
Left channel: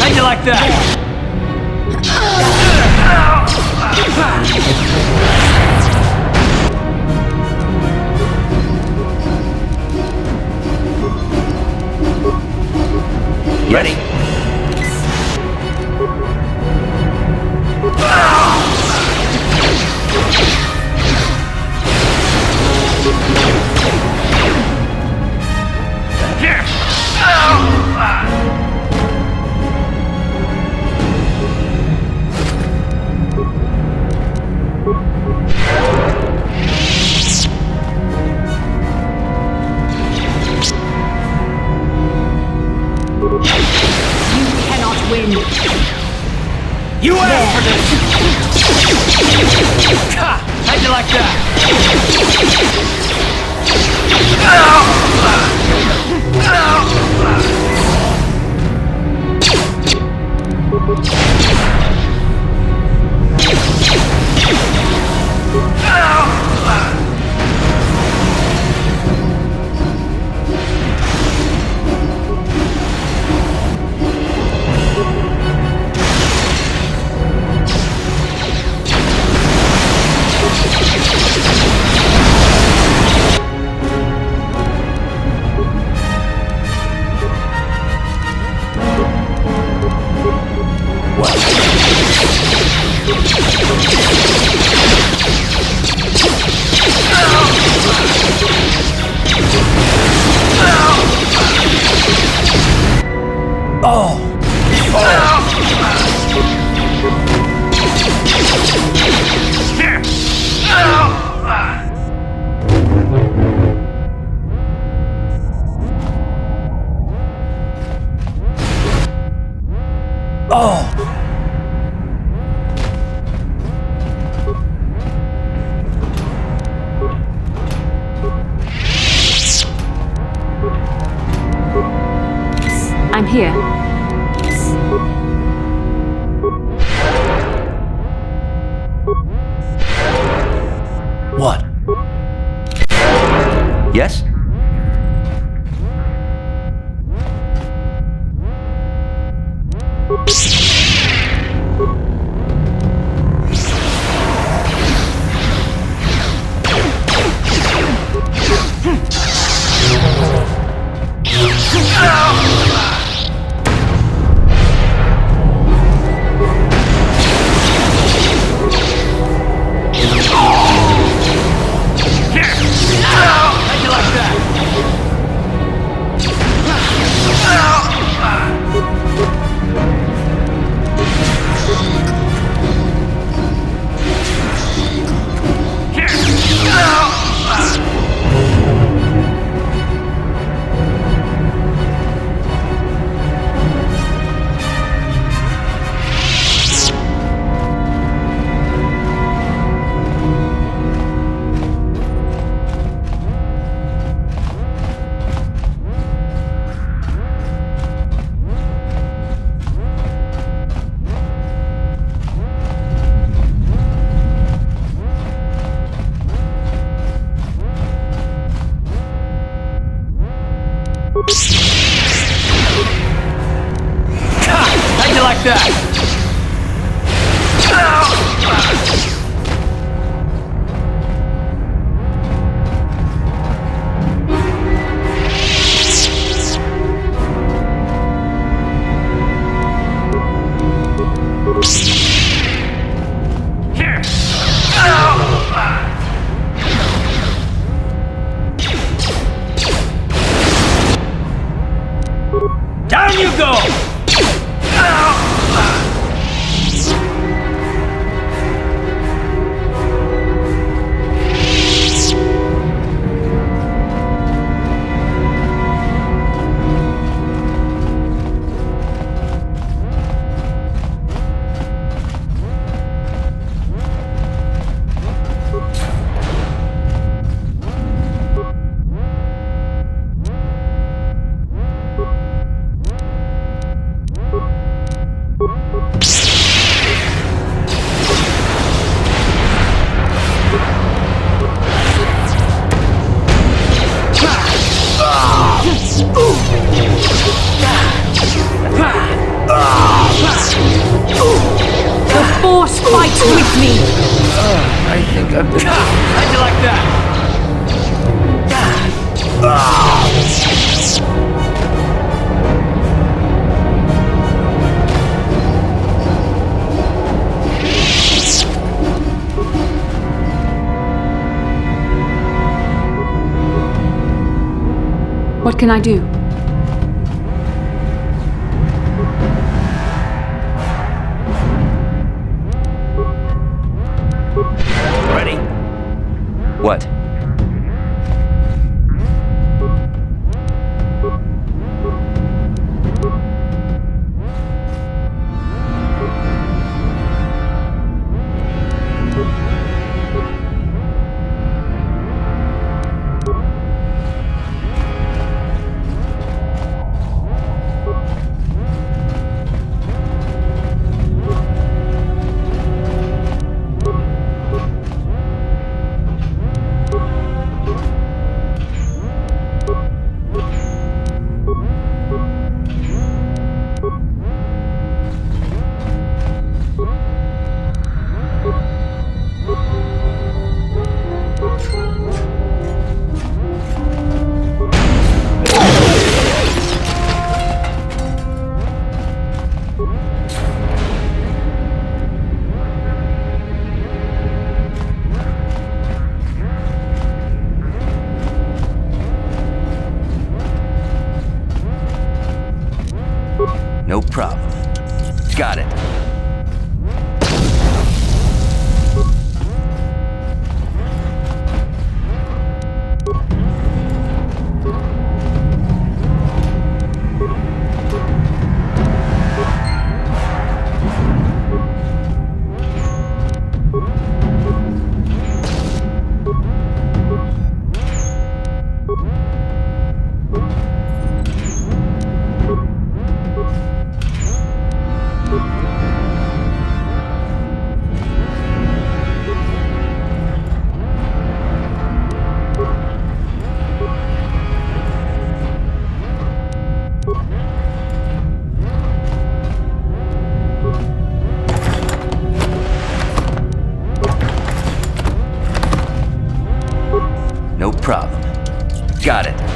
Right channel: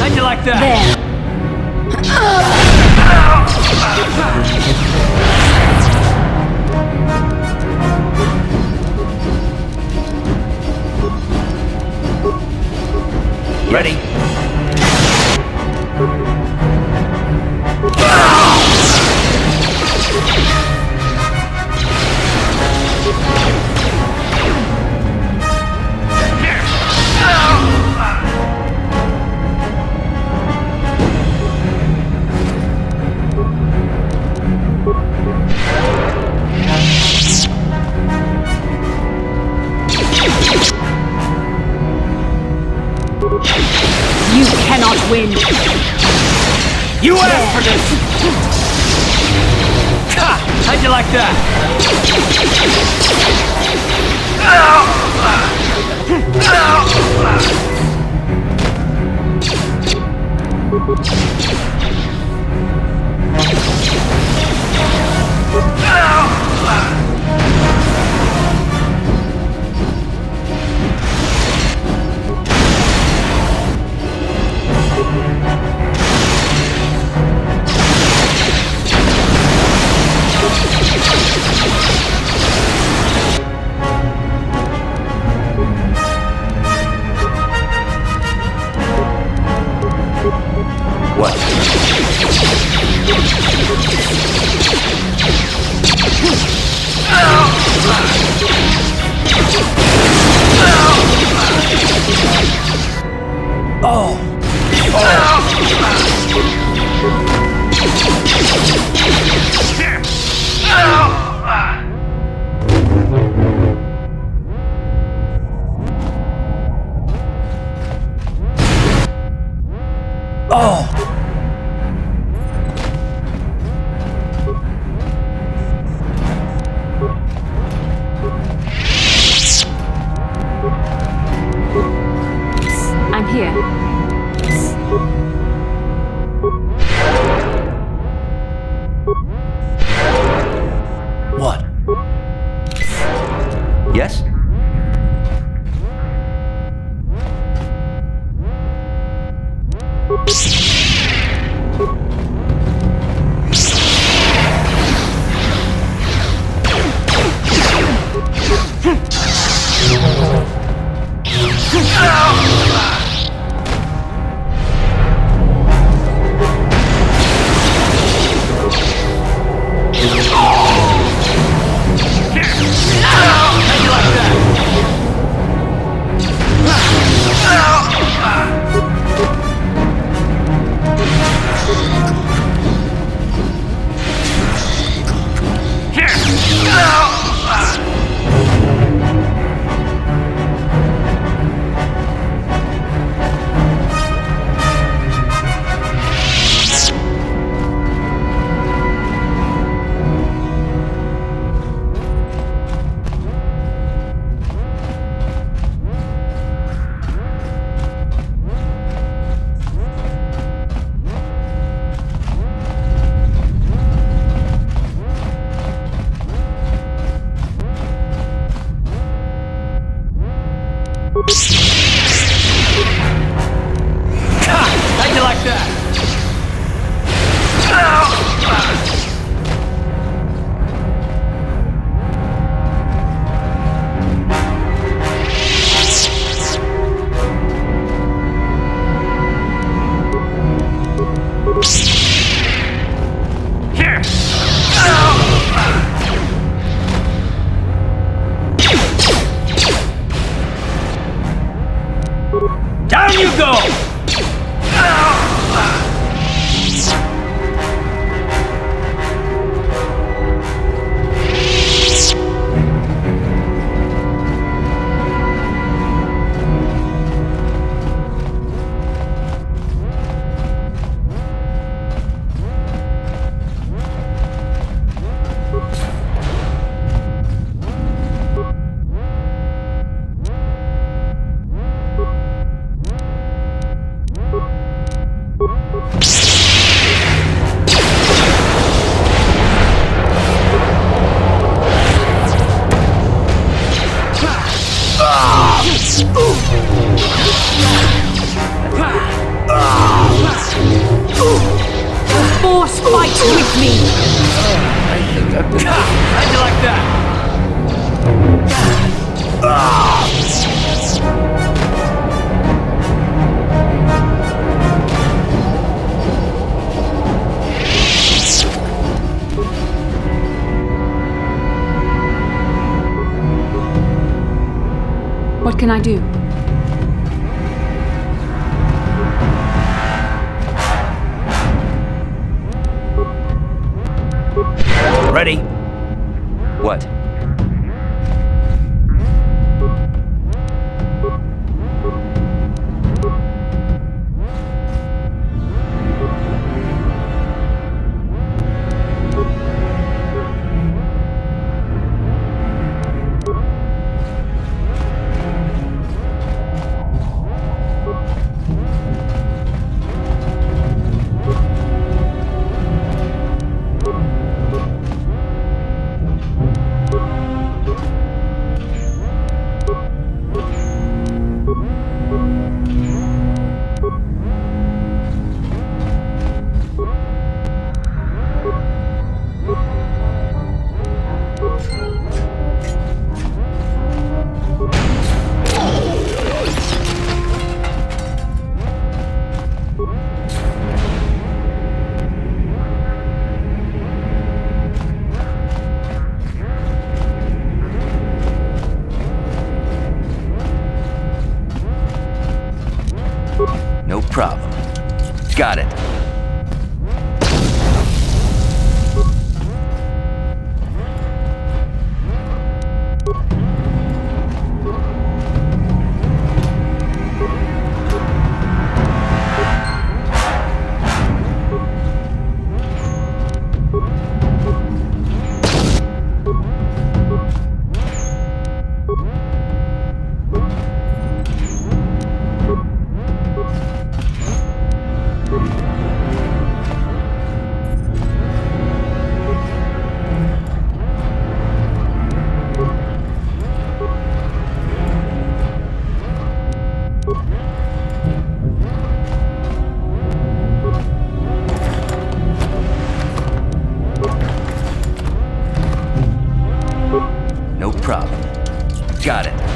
How'd you like that? Ready? You cannot win. You asked for this! Ha! How'd you like that? What? Oh! Oh! I'm here. What? Yes? Fight with me! I think I'm... How'd you like that? What can I do? Ready? What? No problem. Got it. No problem. Got it.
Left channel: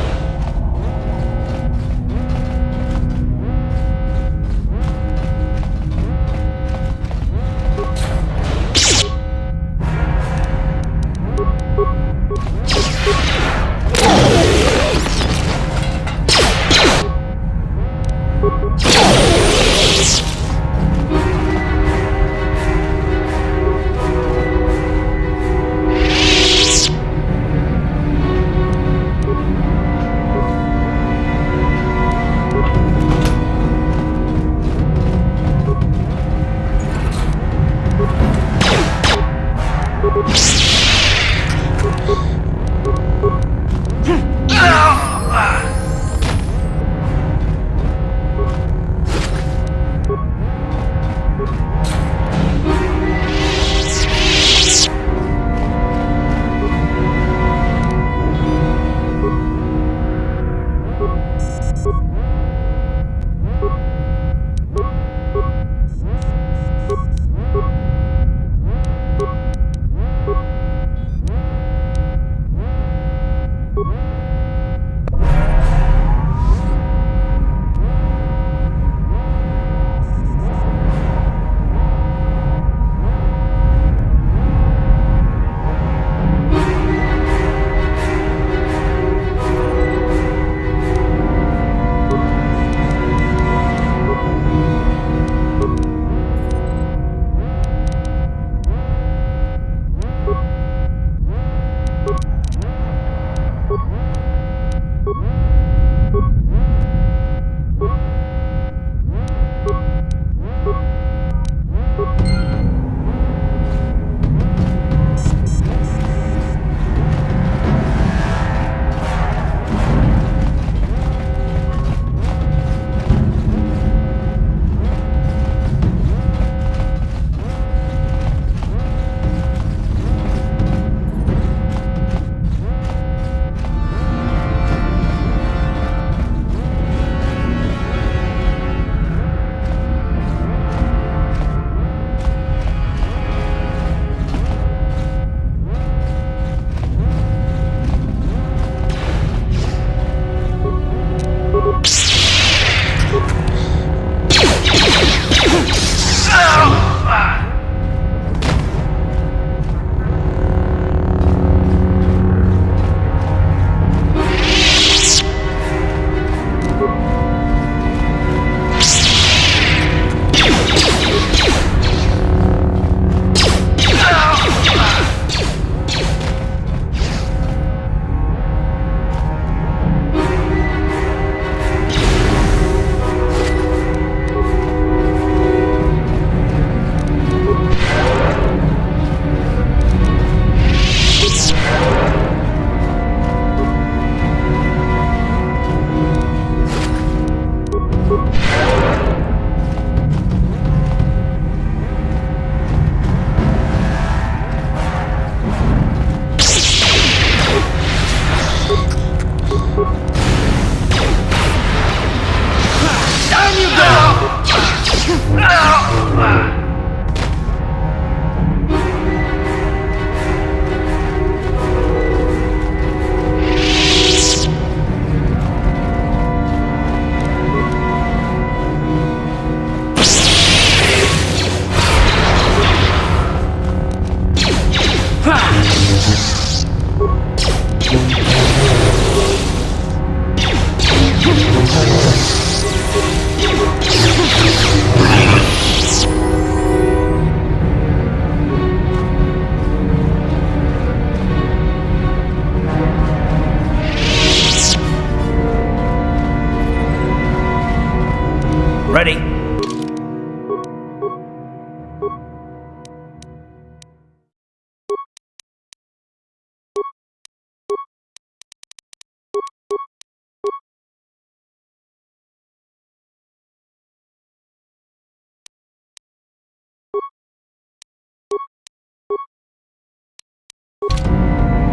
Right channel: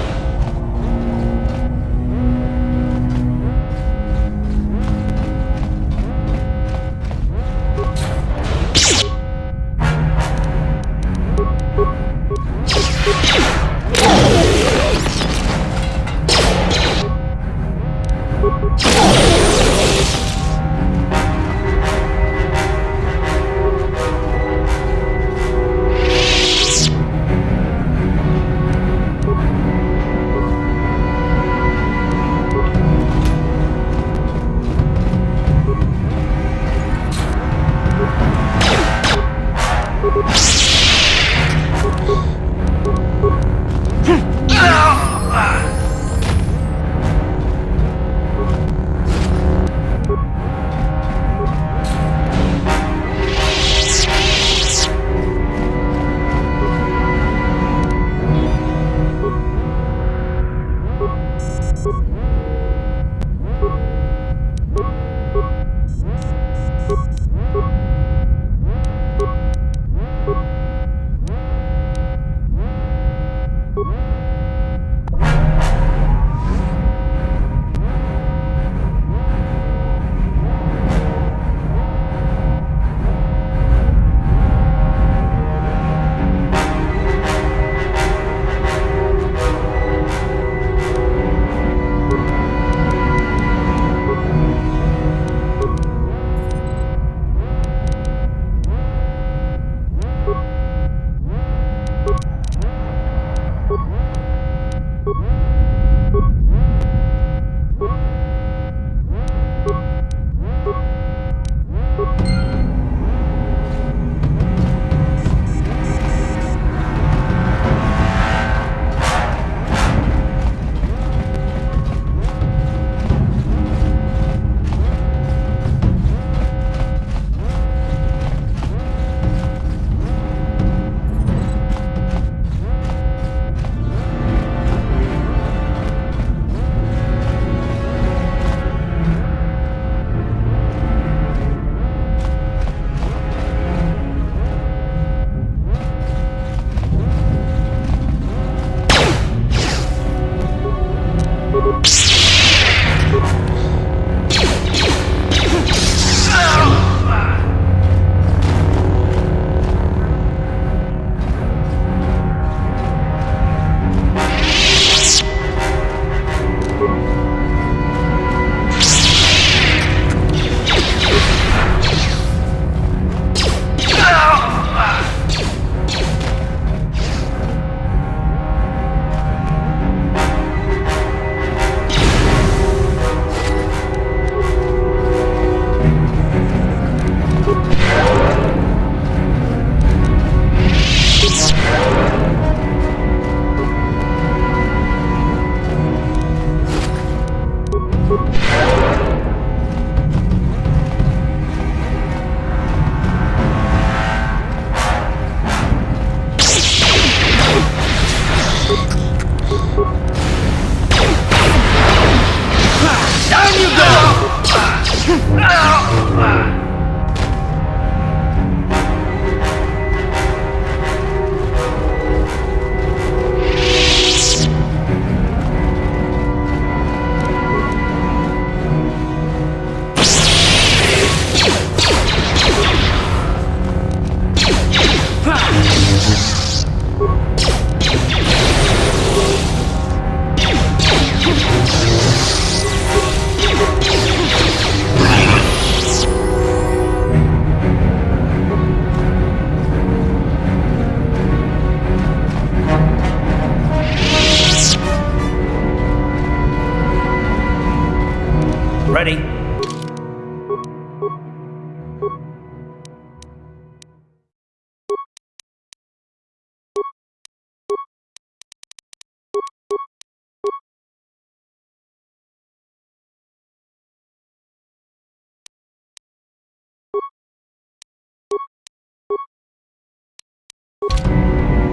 Ready?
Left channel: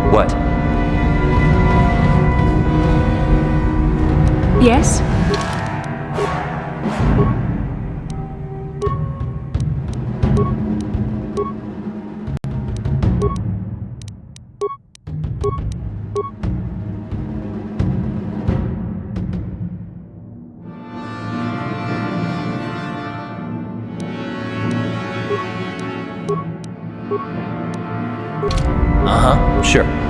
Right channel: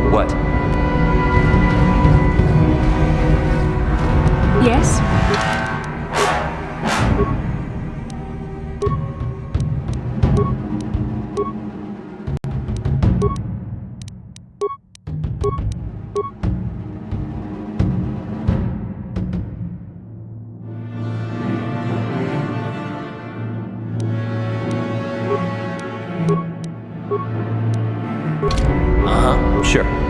What? Yes? Uh-huh, sure.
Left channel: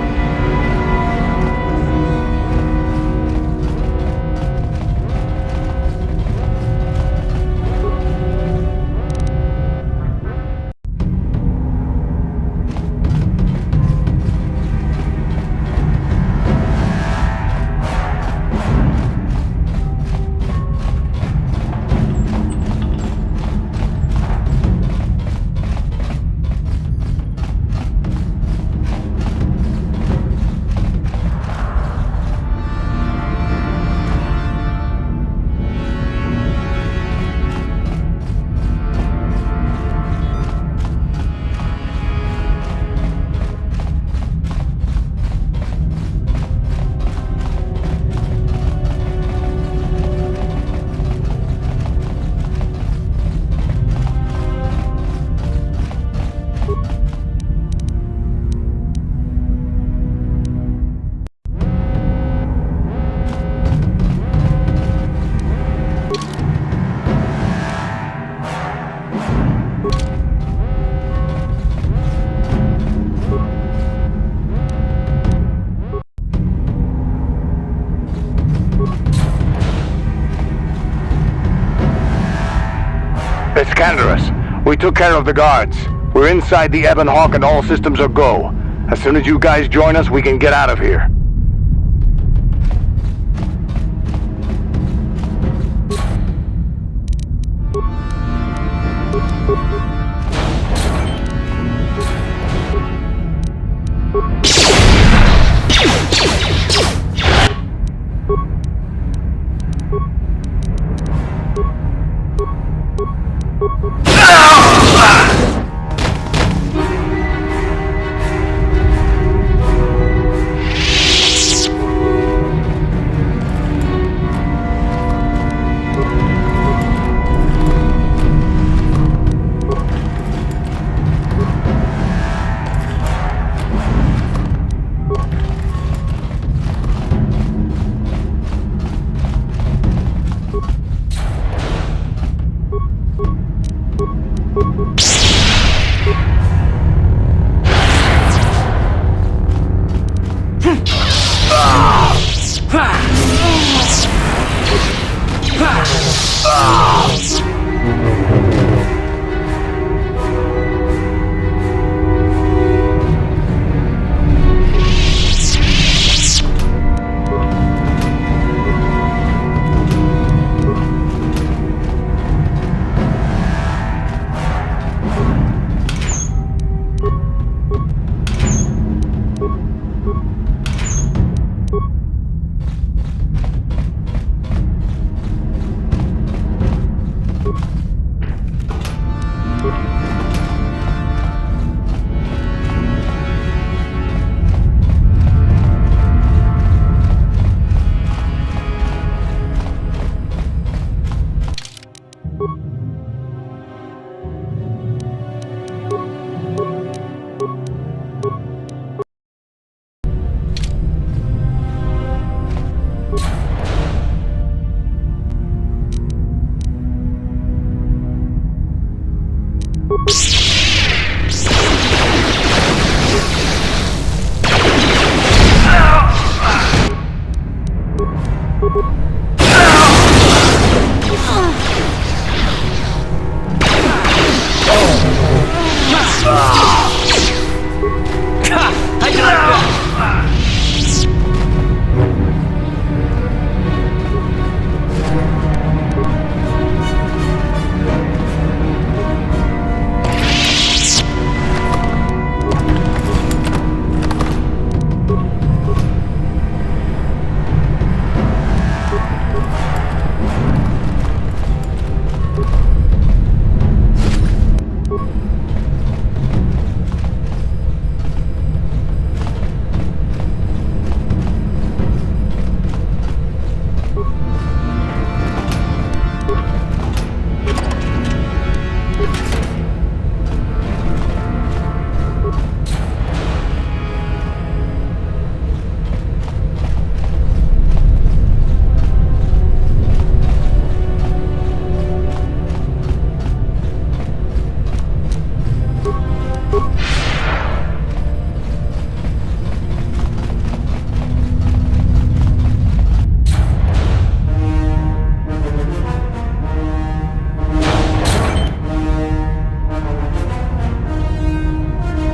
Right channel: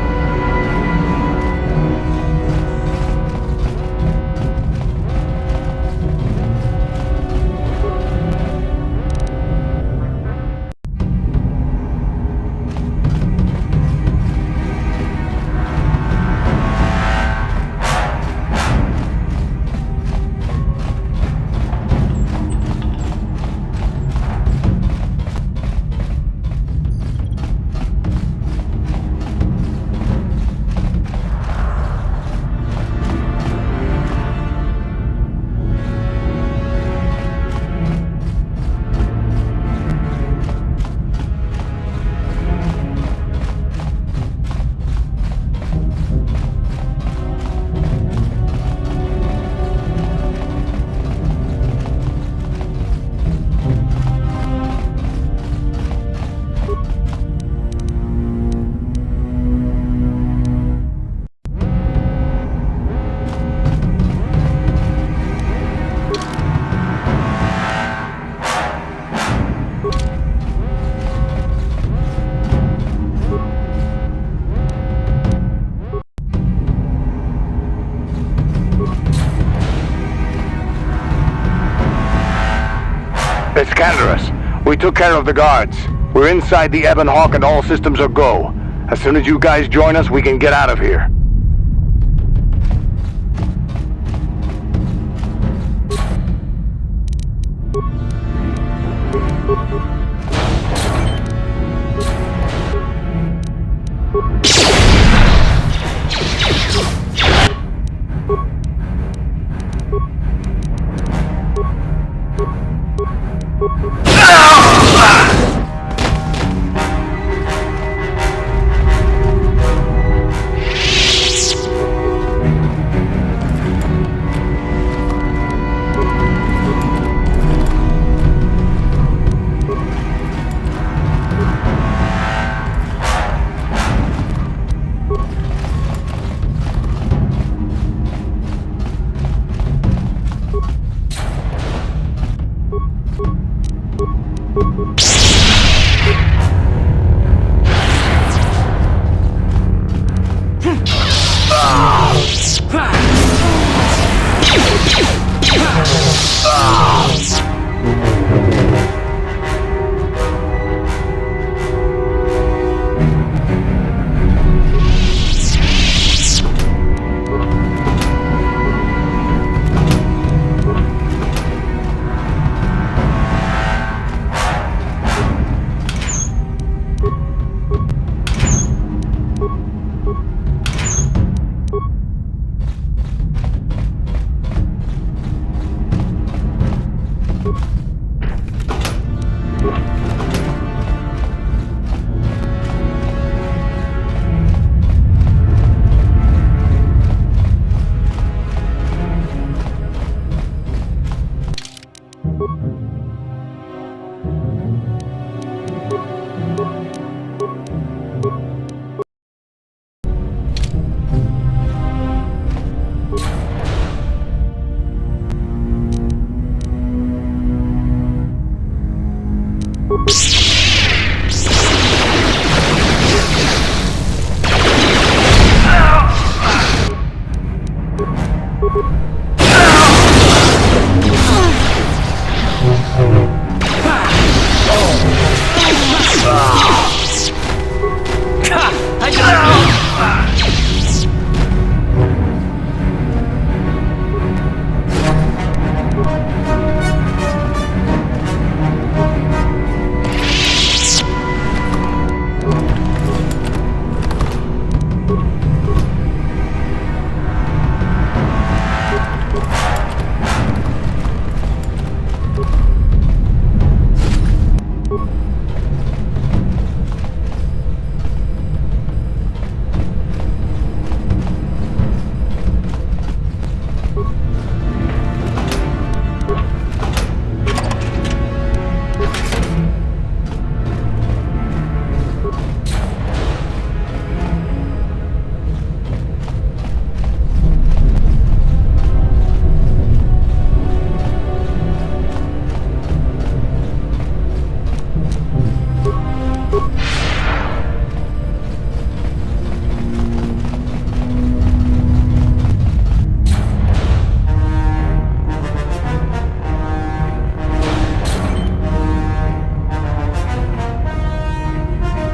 Iskanderus, we took care of the guards. We're inside the Ebon Hawk and all systems are go. As soon as you guys join us, we can get out of here.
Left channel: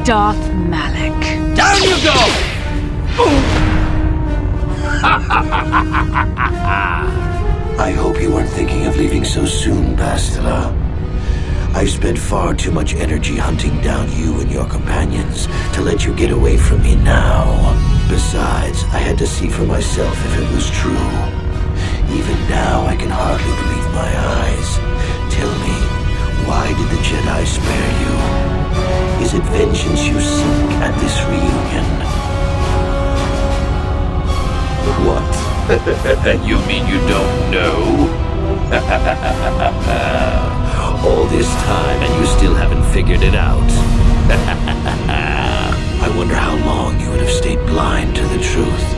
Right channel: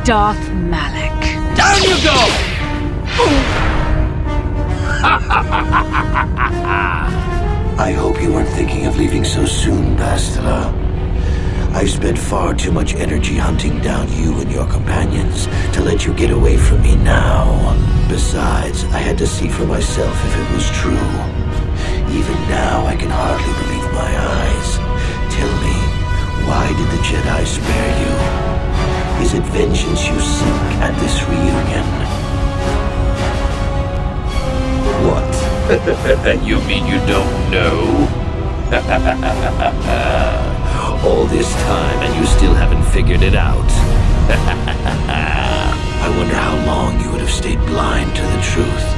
Darth Malak. Down you go! I hope you weren't thinking of leaving so soon, Bastila. I've spent far too much energy hunting down you and your companions to let you get away from me now. Besides, I had to see for myself if it was true. Even now, I can hardly believe my eyes. Tell me, why did the Jedi spare you? Is it vengeance you seek at this reunion? What? You mean you don't know? All this time and you still haven't figured it out. I wonder how long you would have stayed blind to the truth.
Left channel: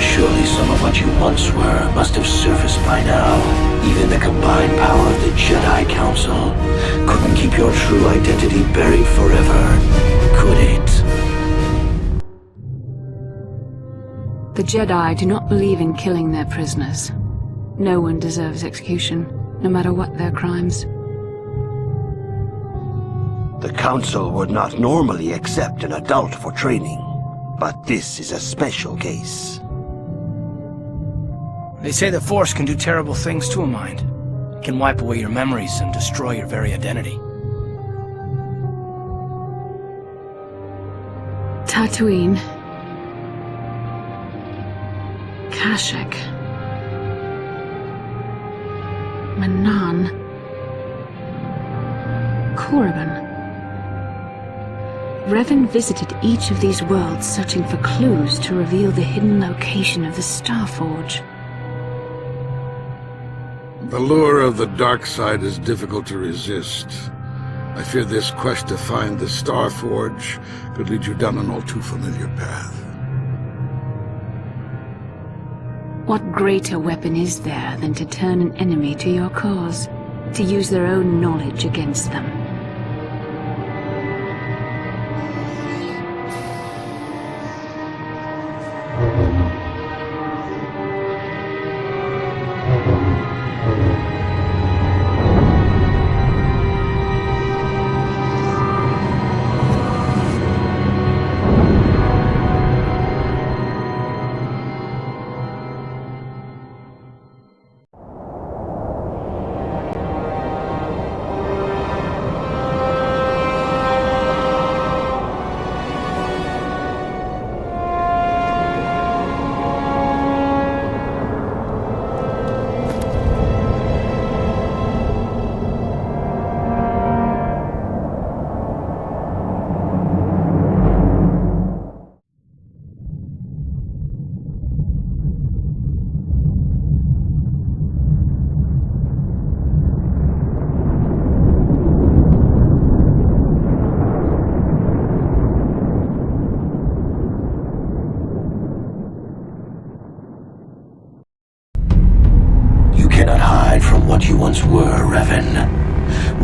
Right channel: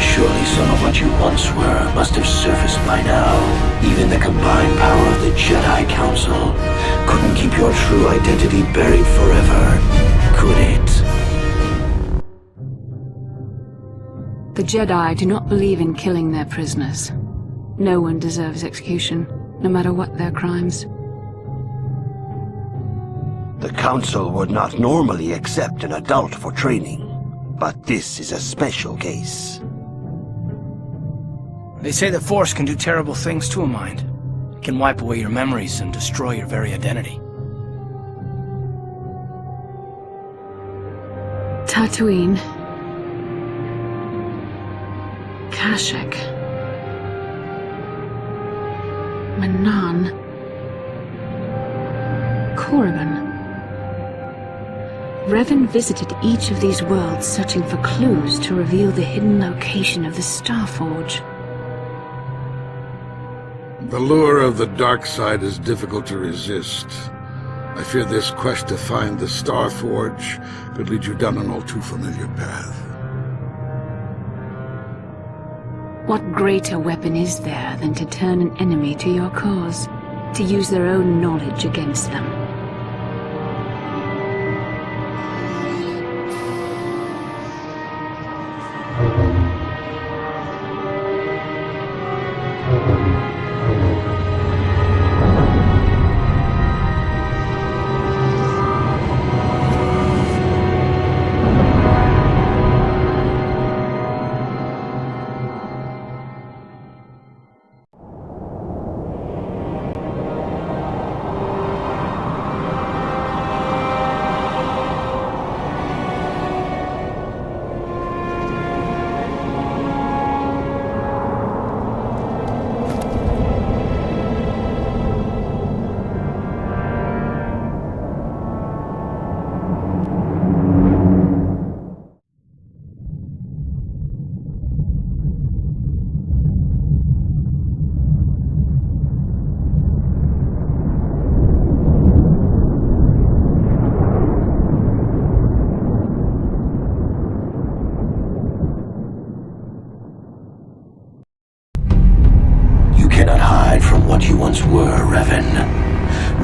Surely some of what you once were must have surfaced by now. Even the combined power of the Jedi Council couldn't keep your true identity buried forever, could it? The Jedi do not believe in killing their prisoners. No one deserves execution, no matter what their crimes. The Council would not normally accept an adult for training, but this is a special case. They say the Force can do terrible things to a mind. It can wipe away your memories and destroy your very identity. Tatooine. Kashyyyk. Manaan. Korriban. Revan visited each of these worlds searching for clues to reveal the hidden location of the Starforge. The lure of the dark side is difficult to resist. I fear this quest to find the Starforge could lead you down an all too familiar path. What greater weapon is there than to turn an enemy to your cause, to use their own knowledge against them?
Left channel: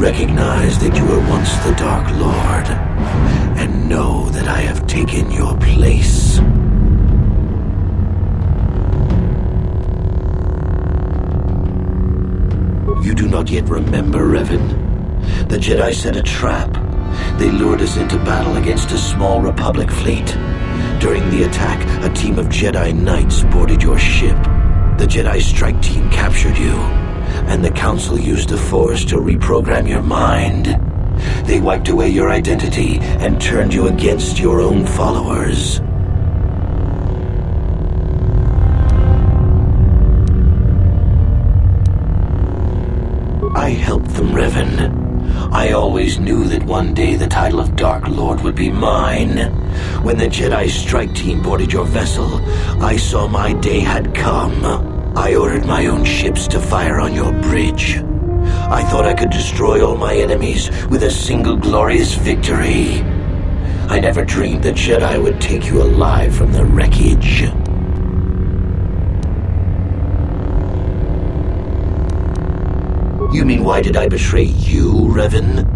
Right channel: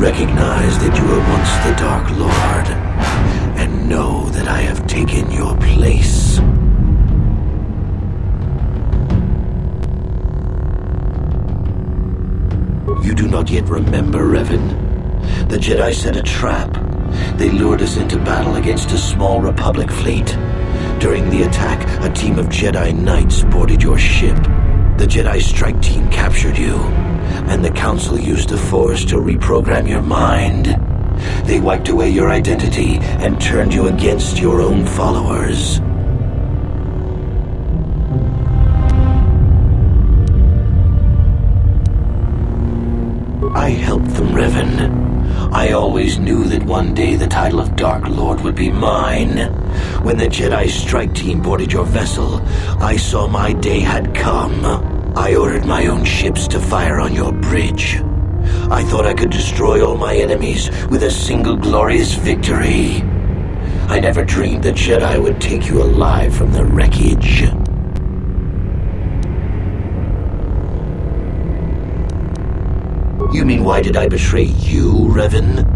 Recognize that you were once the Dark Lord, and know that I have taken your place. You do not yet remember, Revan. The Jedi set a trap. They lured us into battle against a small Republic fleet. During the attack, a team of Jedi Knights boarded your ship. The Jedi strike team captured you, and the Council used the Force to reprogram your mind. They wiped away your identity and turned you against your own followers. I helped them, Revan. I always knew that one day the title of Dark Lord would be mine. When the Jedi strike team boarded your vessel, I saw my day had come. I ordered my own ships to fire on your bridge. I thought I could destroy all my enemies with a single glorious victory. I never dreamed the Jedi would take you alive from the wreckage. You mean, why did I betray you, Revan?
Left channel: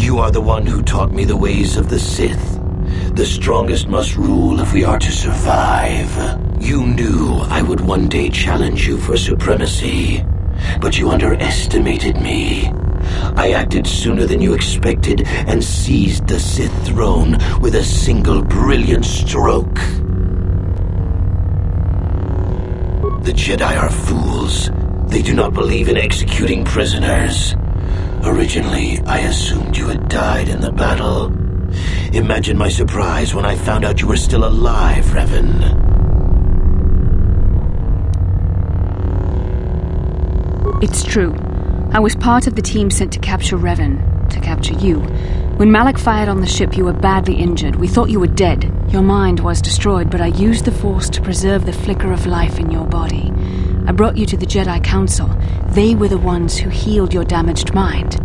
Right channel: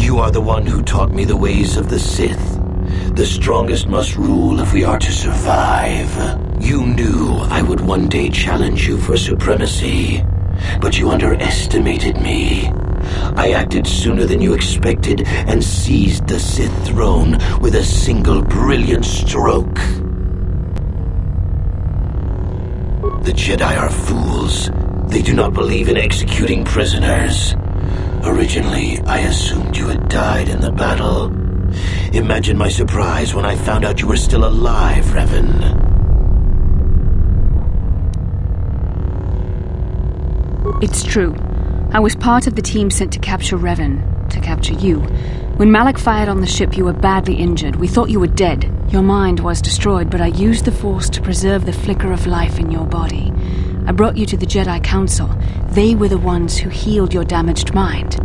You are the one who taught me the ways of the Sith. The strongest must rule if we are to survive. You knew I would one day challenge you for supremacy, but you underestimated me. I acted sooner than you expected and seized the Sith throne with a single brilliant stroke. The Jedi are fools. They do not believe in executing prisoners. Originally, I assumed you had died in the battle. Imagine my surprise when I found out you were still alive, Revan. It's true. I was part of the team sent to capture Revan, to capture you. When Malak fired on the ship, you were badly injured. We thought you were dead. Your mind was destroyed, but I used the Force to preserve the flicker of life in your body. I brought you to the Jedi Council. They were the ones who healed your damaged mind.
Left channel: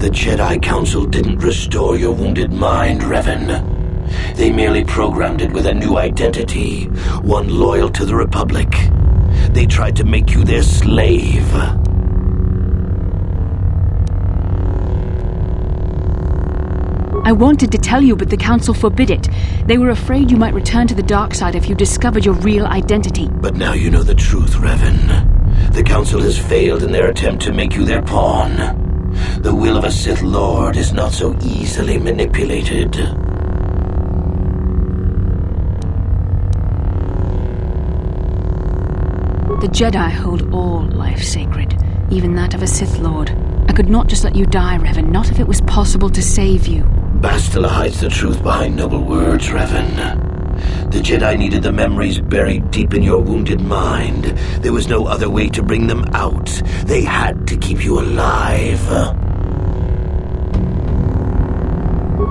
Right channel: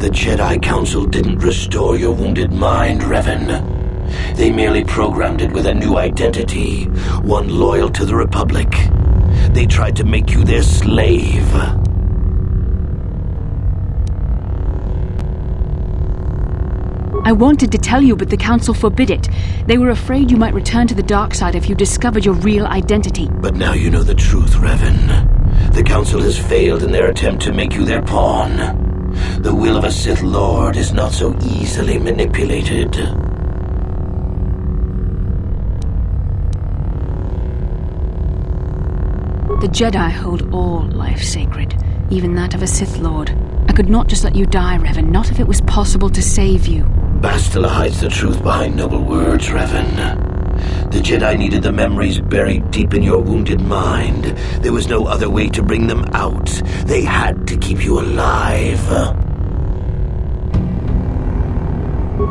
The Jedi Council didn't restore your wounded mind, Revan. They merely programmed it with a new identity, one loyal to the Republic. They tried to make you their slave. I wanted to tell you, but the Council forbid it. They were afraid you might return to the dark side if you discovered your real identity. But now you know the truth, Revan. The Council has failed in their attempt to make you their pawn. The will of a Sith Lord is not so easily manipulated. The Jedi hold all life sacred, even that of a Sith Lord. I could not just let you die, Revan, not if it was possible to save you. Bastila hides the truth behind noble words, Revan. The Jedi needed the memories buried deep in your wounded mind. There was no other way to bring them out. They had to keep you alive.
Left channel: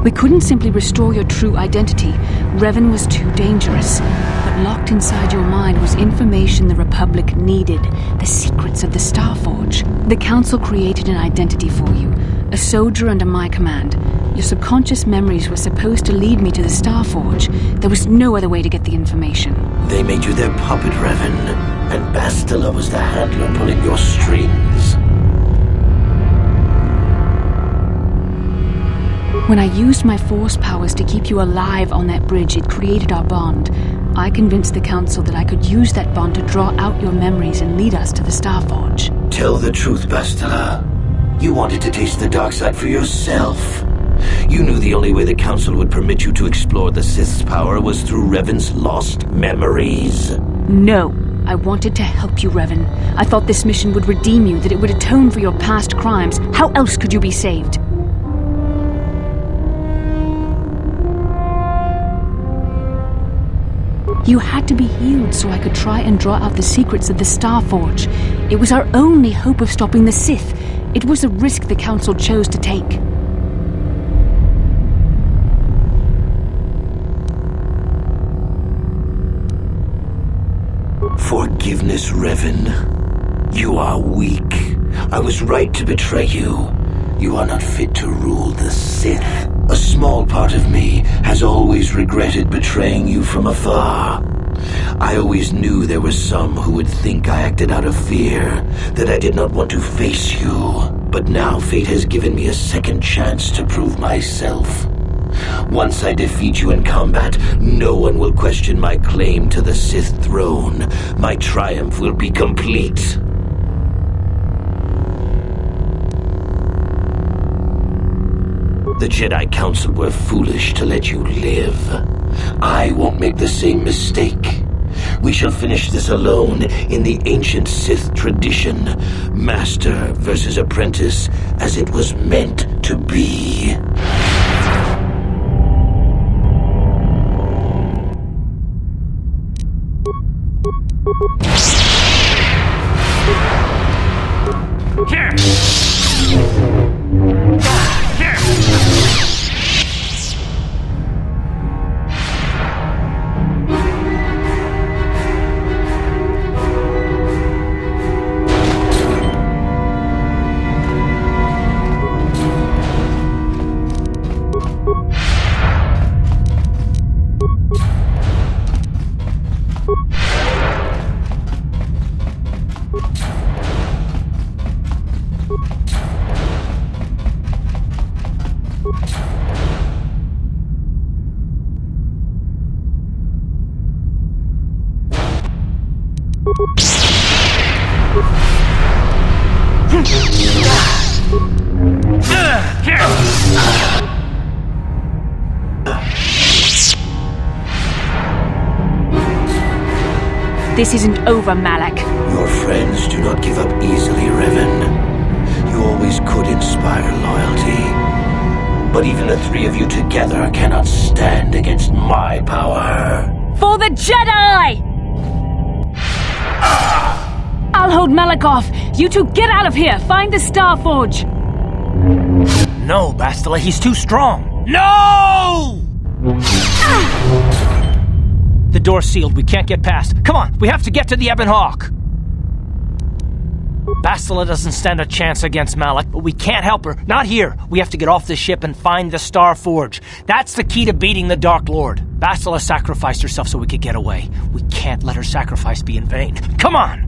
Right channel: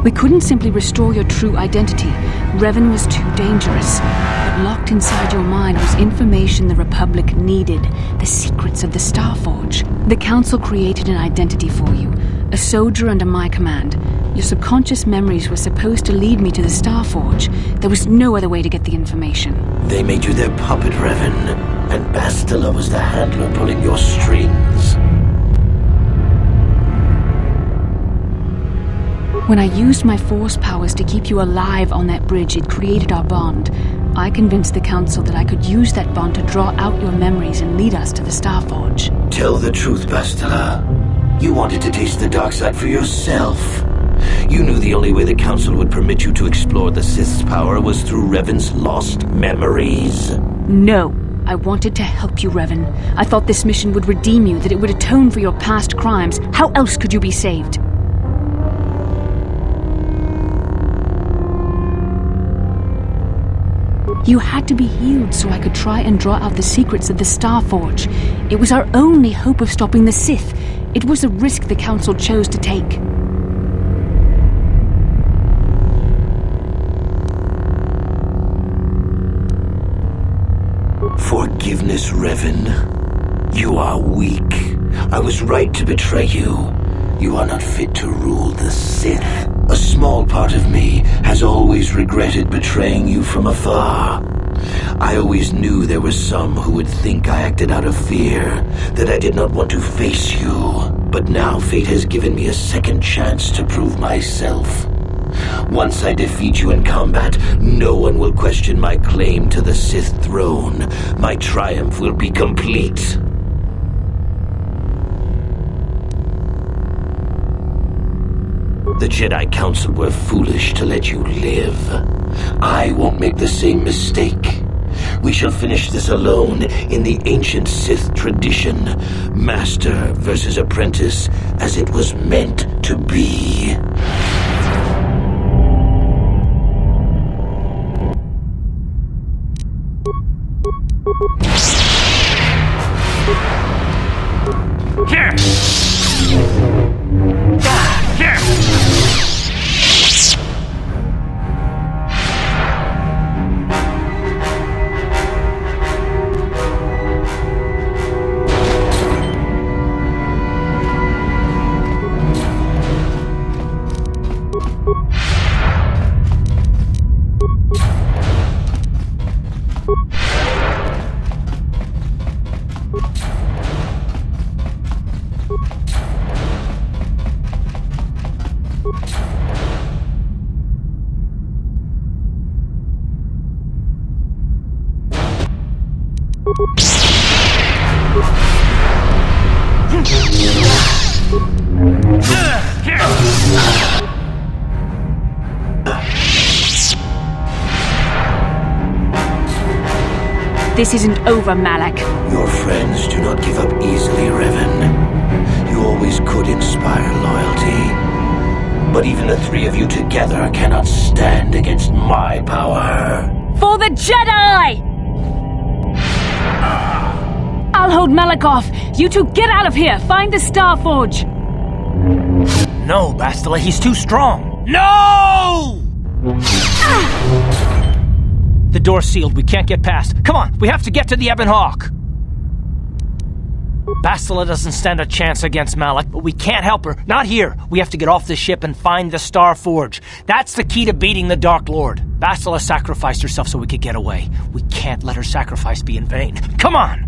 We couldn't simply restore your true identity. Revan was too dangerous. But locked inside your mind was information the Republic needed, the secrets of the Starforge. The Council created an identity for you, a soldier under my command. Your subconscious memories were supposed to lead me to the Starforge. There was no other way to get the information. They made you their puppet, Revan, and Bastila was the handler pulling your strings. When I used my Force powers to keep you alive on that bridge, it created our bond. I convinced the Council that I could use that bond to draw out your memories and lead us to the Starforge. Tell the truth, Bastila. You wanted to taste the dark side for yourself. You knew the only way the Council would permit you to explore the Sith's power was through Revan's lost memories. No. I wanted to help you, Revan. I thought this mission would redeem you, that it would atone for your past crimes. How else could you be saved? You had to be healed so I could try and draw out the secrets of the Starforge. It was our only hope of stopping the Sith. It was a risk the Council chose to take. Forgiveness, Revan. You are weak. I was right to betray you. You are not fit to rule the Sith. A small part of me has always regretted betraying you from afar. I always knew there were some who would think I acted out of fear, that I did not want to face you. But now fate has given me a second chance to prove myself. Once I defeat you in combat, no one will question my claim to the Sith throne. My triumph will be complete. The Jedi Council were foolish to let you live. I won't make the same mistake. We shall finish this alone in the ancient Sith tradition. Master versus apprentice, as it was meant to be. This isn't over, Malak. Your friends do not give up easily, Revan. You always could inspire loyalty. But even the three of you together cannot stand against my power. For the Jedi! I'll hold Malak off. You two get out of here. Find the Star Forge. No, Bastila, he's too strong. No! The door's sealed. We can't get past. Come on, we have to get to the Ebon Hawk. Bastila doesn't stand a chance against Malak, but we can't help her. Not here. We have to get off the ship and find the Star Forge. That's the key to beating the Dark Lord. Bastila sacrificed herself so we could get away. We can't let her sacrifice be in vain. Come on!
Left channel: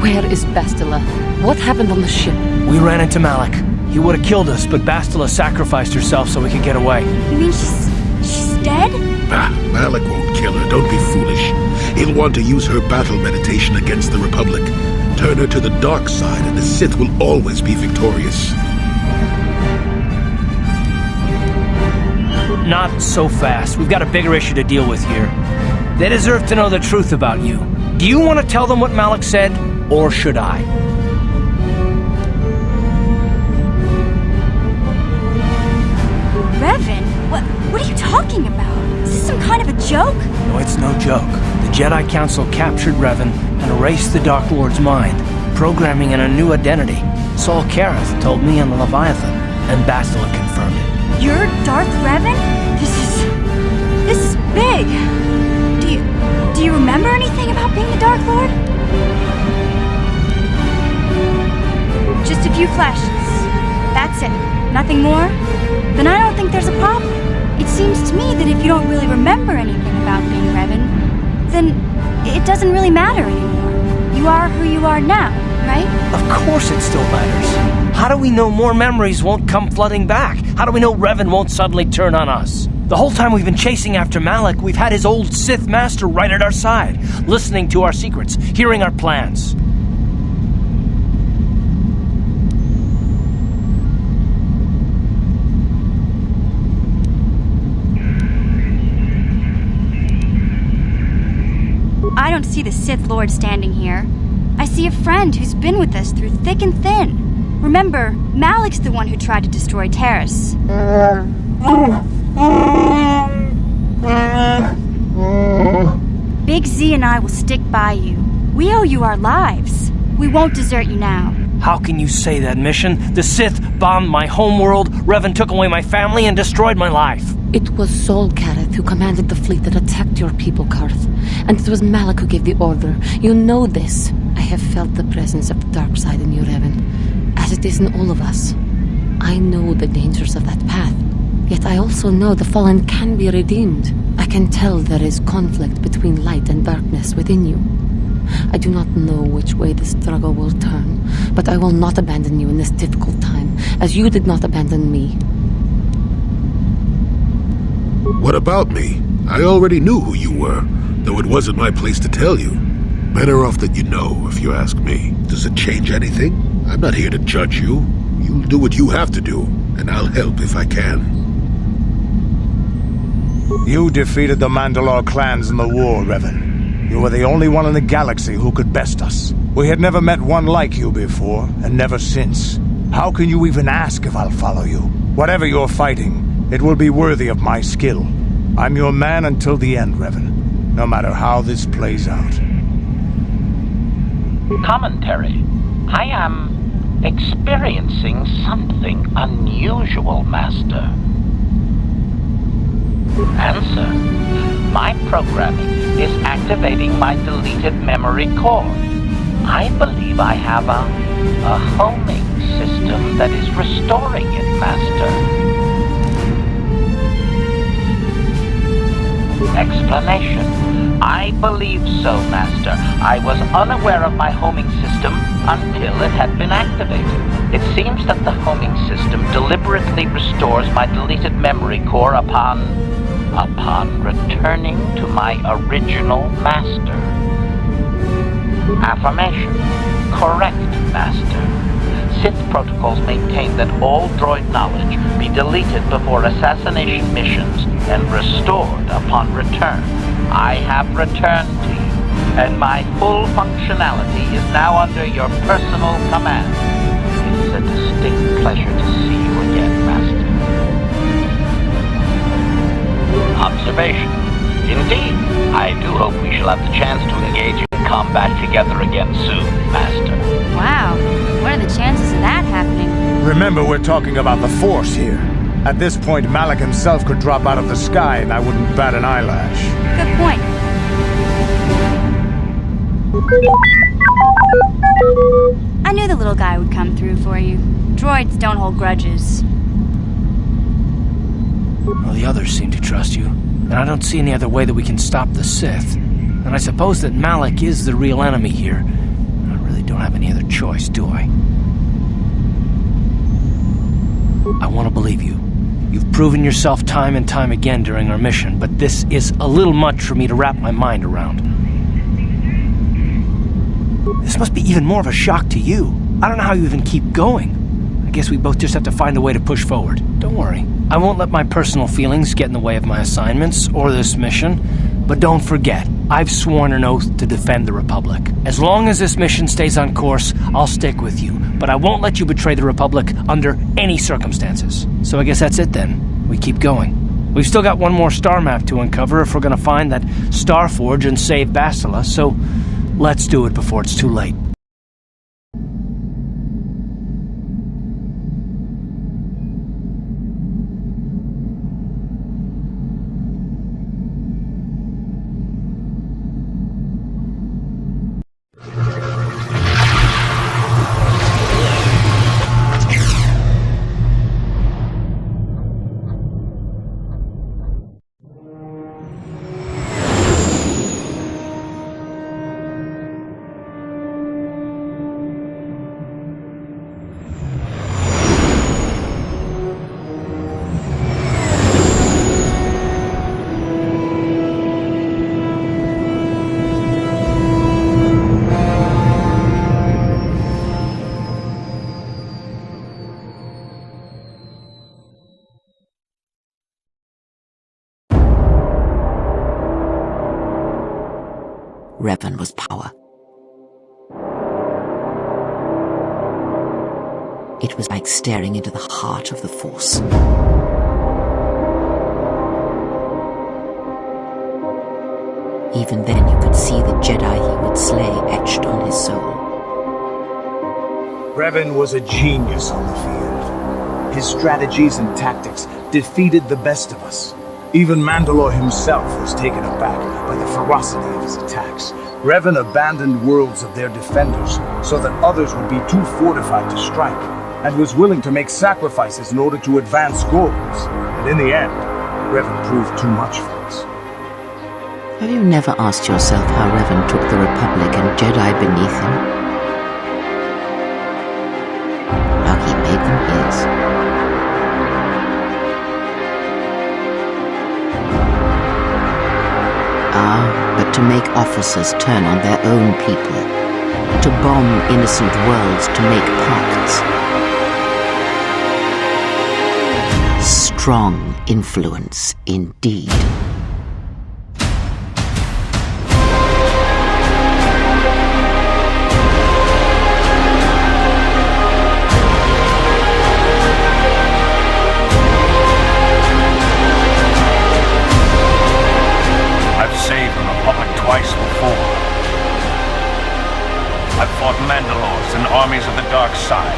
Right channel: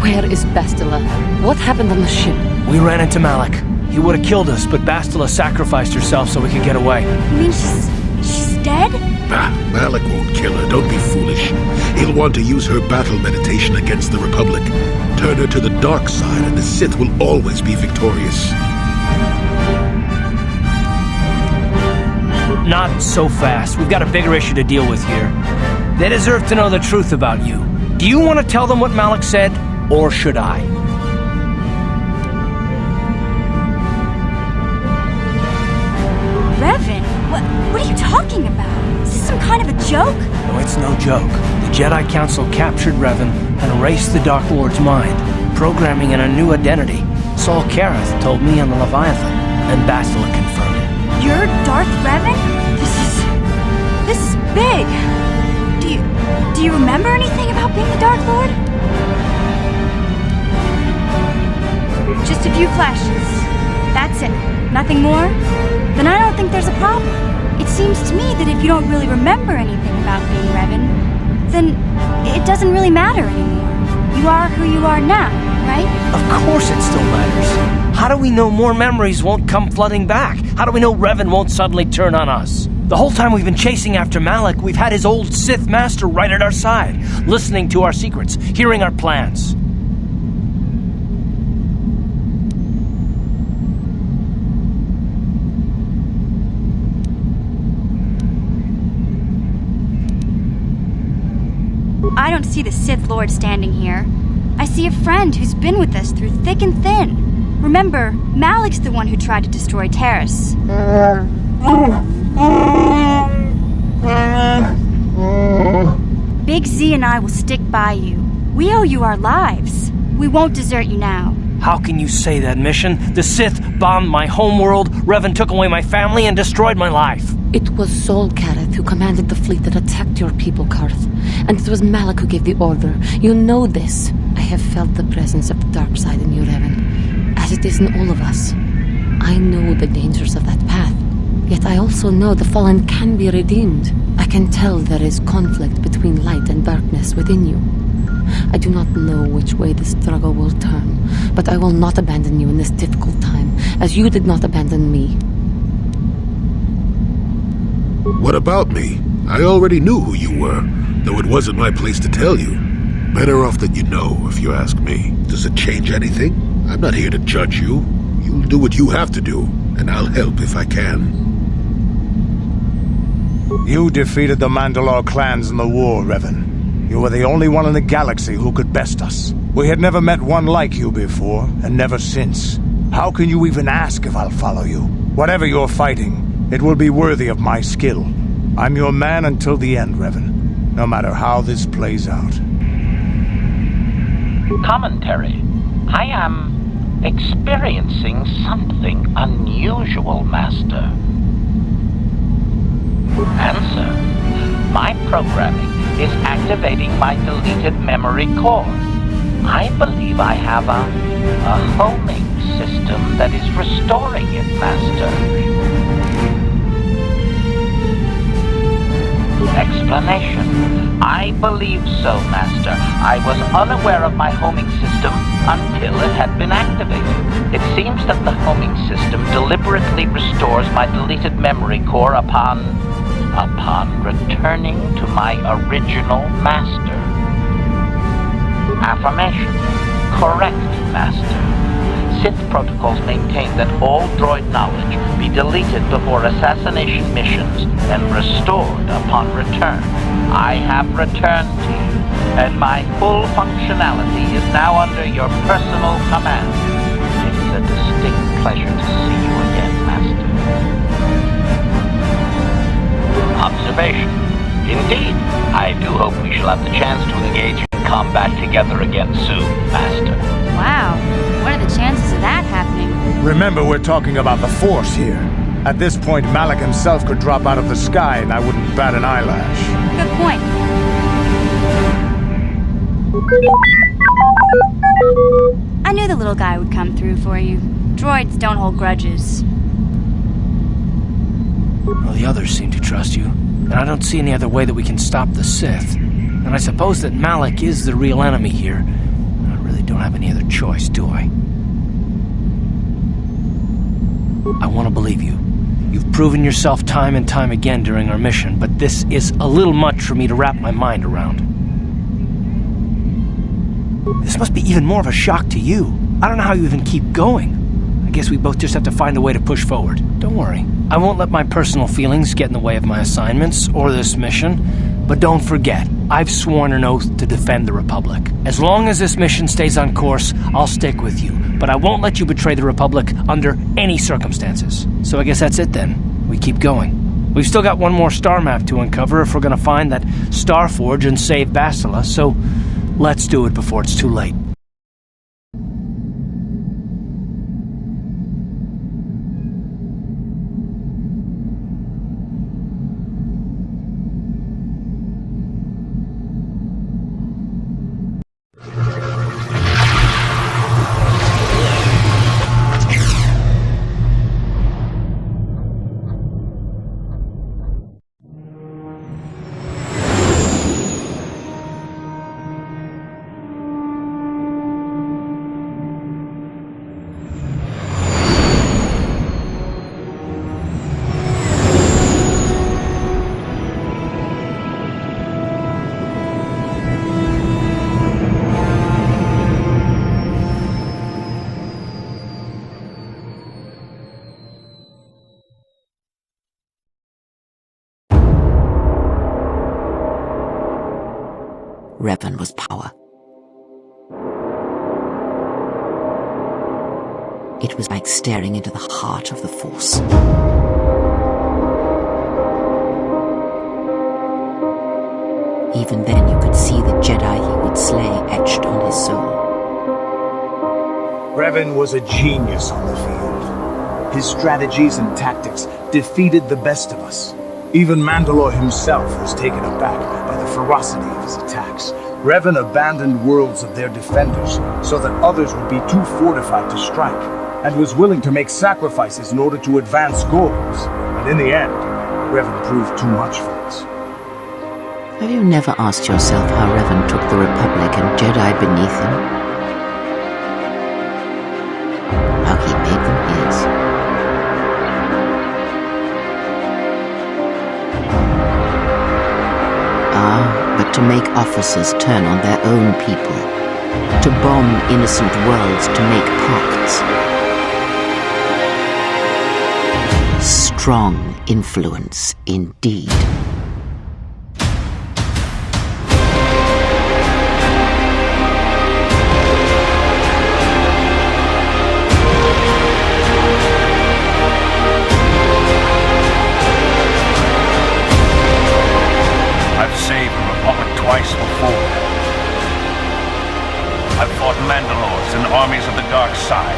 Where is Bastila? What happened on the ship? We ran into Malak. He would have killed us, but Bastila sacrificed herself so we could get away. You mean she's dead? Ah, Malak won't kill her. Don't be foolish. He'll want to use her battle meditation against the Republic. Turn her to the dark side and the Sith will always be victorious. Not so fast. We've got a bigger issue to deal with here. They deserve to know the truth about you. Do you want to tell them what Malik said, or should I? Revan? What are you talking about? Is this some kind of a joke? No, it's no joke. The Jedi Council captured Revan and erased the Dark Lord's mind, programming in a new identity. Saul Kareth told me on the Leviathan, and Bastila confirmed it. You're Darth Revan? This is big. Do you remember anything about being the Dark Lord? Just a few flashes. That's it. Nothing more? Then I don't think there's a problem. It seems to me that if you don't really remember anything about being Revan, then it doesn't really matter anymore. You are who you are now, right? Of course it still matters. How do we know more memories won't come flooding back? How do we know Revan won't suddenly turn on us? The whole time we've been chasing after Malik, we've had his old Sith master right at our side, listening to our secrets, hearing our plans. I don't see the Sith Lord standing here. I see a friend who's been with us through thick and thin. Remember, Malik's the one who tried to destroy Terrace. Big Z and I will stick by you. We owe you our lives. We won't desert you now. How can you say that, Mission? The Sith bombed my homeworld, Revan took away my family, and destroyed my life. It was Saul Kareth who commanded the fleet that attacked your people, Karth. And it was Malik who gave the order. You know this. I have felt the presence of the dark side in you, Revan, as it is in all of us. I know the dangers of that path. Yet I also know the fallen can be redeemed. I can tell there is conflict between light and darkness within you. I do not know which way the struggle will turn, but I will not abandon you in this difficult time, as you did not abandon me. What about me? I already knew who you were, though it wasn't my place to tell you. Better off that you know, if you ask me. Does it change anything? I'm not here to judge you. You'll do what you have to do, and I'll help if I can. You defeated the Mandalore clans in the war, Revan. You were the only one in the galaxy who could best us. We had never met one like you before, and never since. How can you even ask if I'll follow you? Whatever you're fighting, it will be worthy of my skill. I'm your man until the end, Revan, no matter how this plays out. Commentary. I am experiencing something unusual, Master. Answer. My programming is activating my deleted memory core. I believe I have a homing system that is restoring it, Master. Explanation. I believe so, Master. I was unaware of my homing system until it had been activated. It seems that the homing system deliberately restores my deleted memory core upon returning to my original master. Affirmation. Correct, Master. Sith protocols maintain that all droid knowledge be deleted before assassination missions and restored upon return. I have returned to you, and my full functionality is now under your personal command. It is a distinct pleasure to see you again, Master. Observation. Indeed, I do hope we shall have the chance to engage in combat together again soon, Master. Wow, what are the chances of that happening? Remember, we're talking about the Force here. At this point, Malik himself could drop out of the sky and I wouldn't bat an eyelash. Good point. I knew the little guy would come through for you. Droids don't hold grudges. Well, the others seem to trust you, and I don't see any other way that we can stop the Sith. And I suppose that Malik is the real enemy here. I really don't have any other choice, do I? I want to believe you. You've proven yourself time and time again during our mission, but this is a little much for me to wrap my mind around. This must be even more of a shock to you. I don't know how you even keep going. I guess we both just have to find a way to push forward. Don't worry. I won't let my personal feelings get in the way of my assignments or this mission. But don't forget, I've sworn an oath to defend the Republic. As long as this mission stays on course, I'll stick with you. But I won't let you betray the Republic under any circumstances. So I guess that's it then. We keep going. We've still got one more star map to uncover if we're gonna find that Starforge and save Bastila, so let's do it before it's too late. Revan was power. It was like staring into the heart of the Force. Even then you could see the Jedi he would slay etched on his soul. Revan was a genius on the field. His strategies and tactics defeated the best of us. Even Mandalore himself was taken aback by the ferocity of his attacks. Revan abandoned worlds of their defenders so that others would be too fortified to strike, and was willing to make sacrifices in order to advance goals. And in the end, Revan proved too much for us. Have you never asked yourself how Revan took the Republic and Jedi beneath him? How he made them his? But to make officers turn on their own people, to bomb innocent worlds, to make pacts. Strong influence indeed. I've saved the Republic twice before. I've fought Mandalores and armies of the dark side.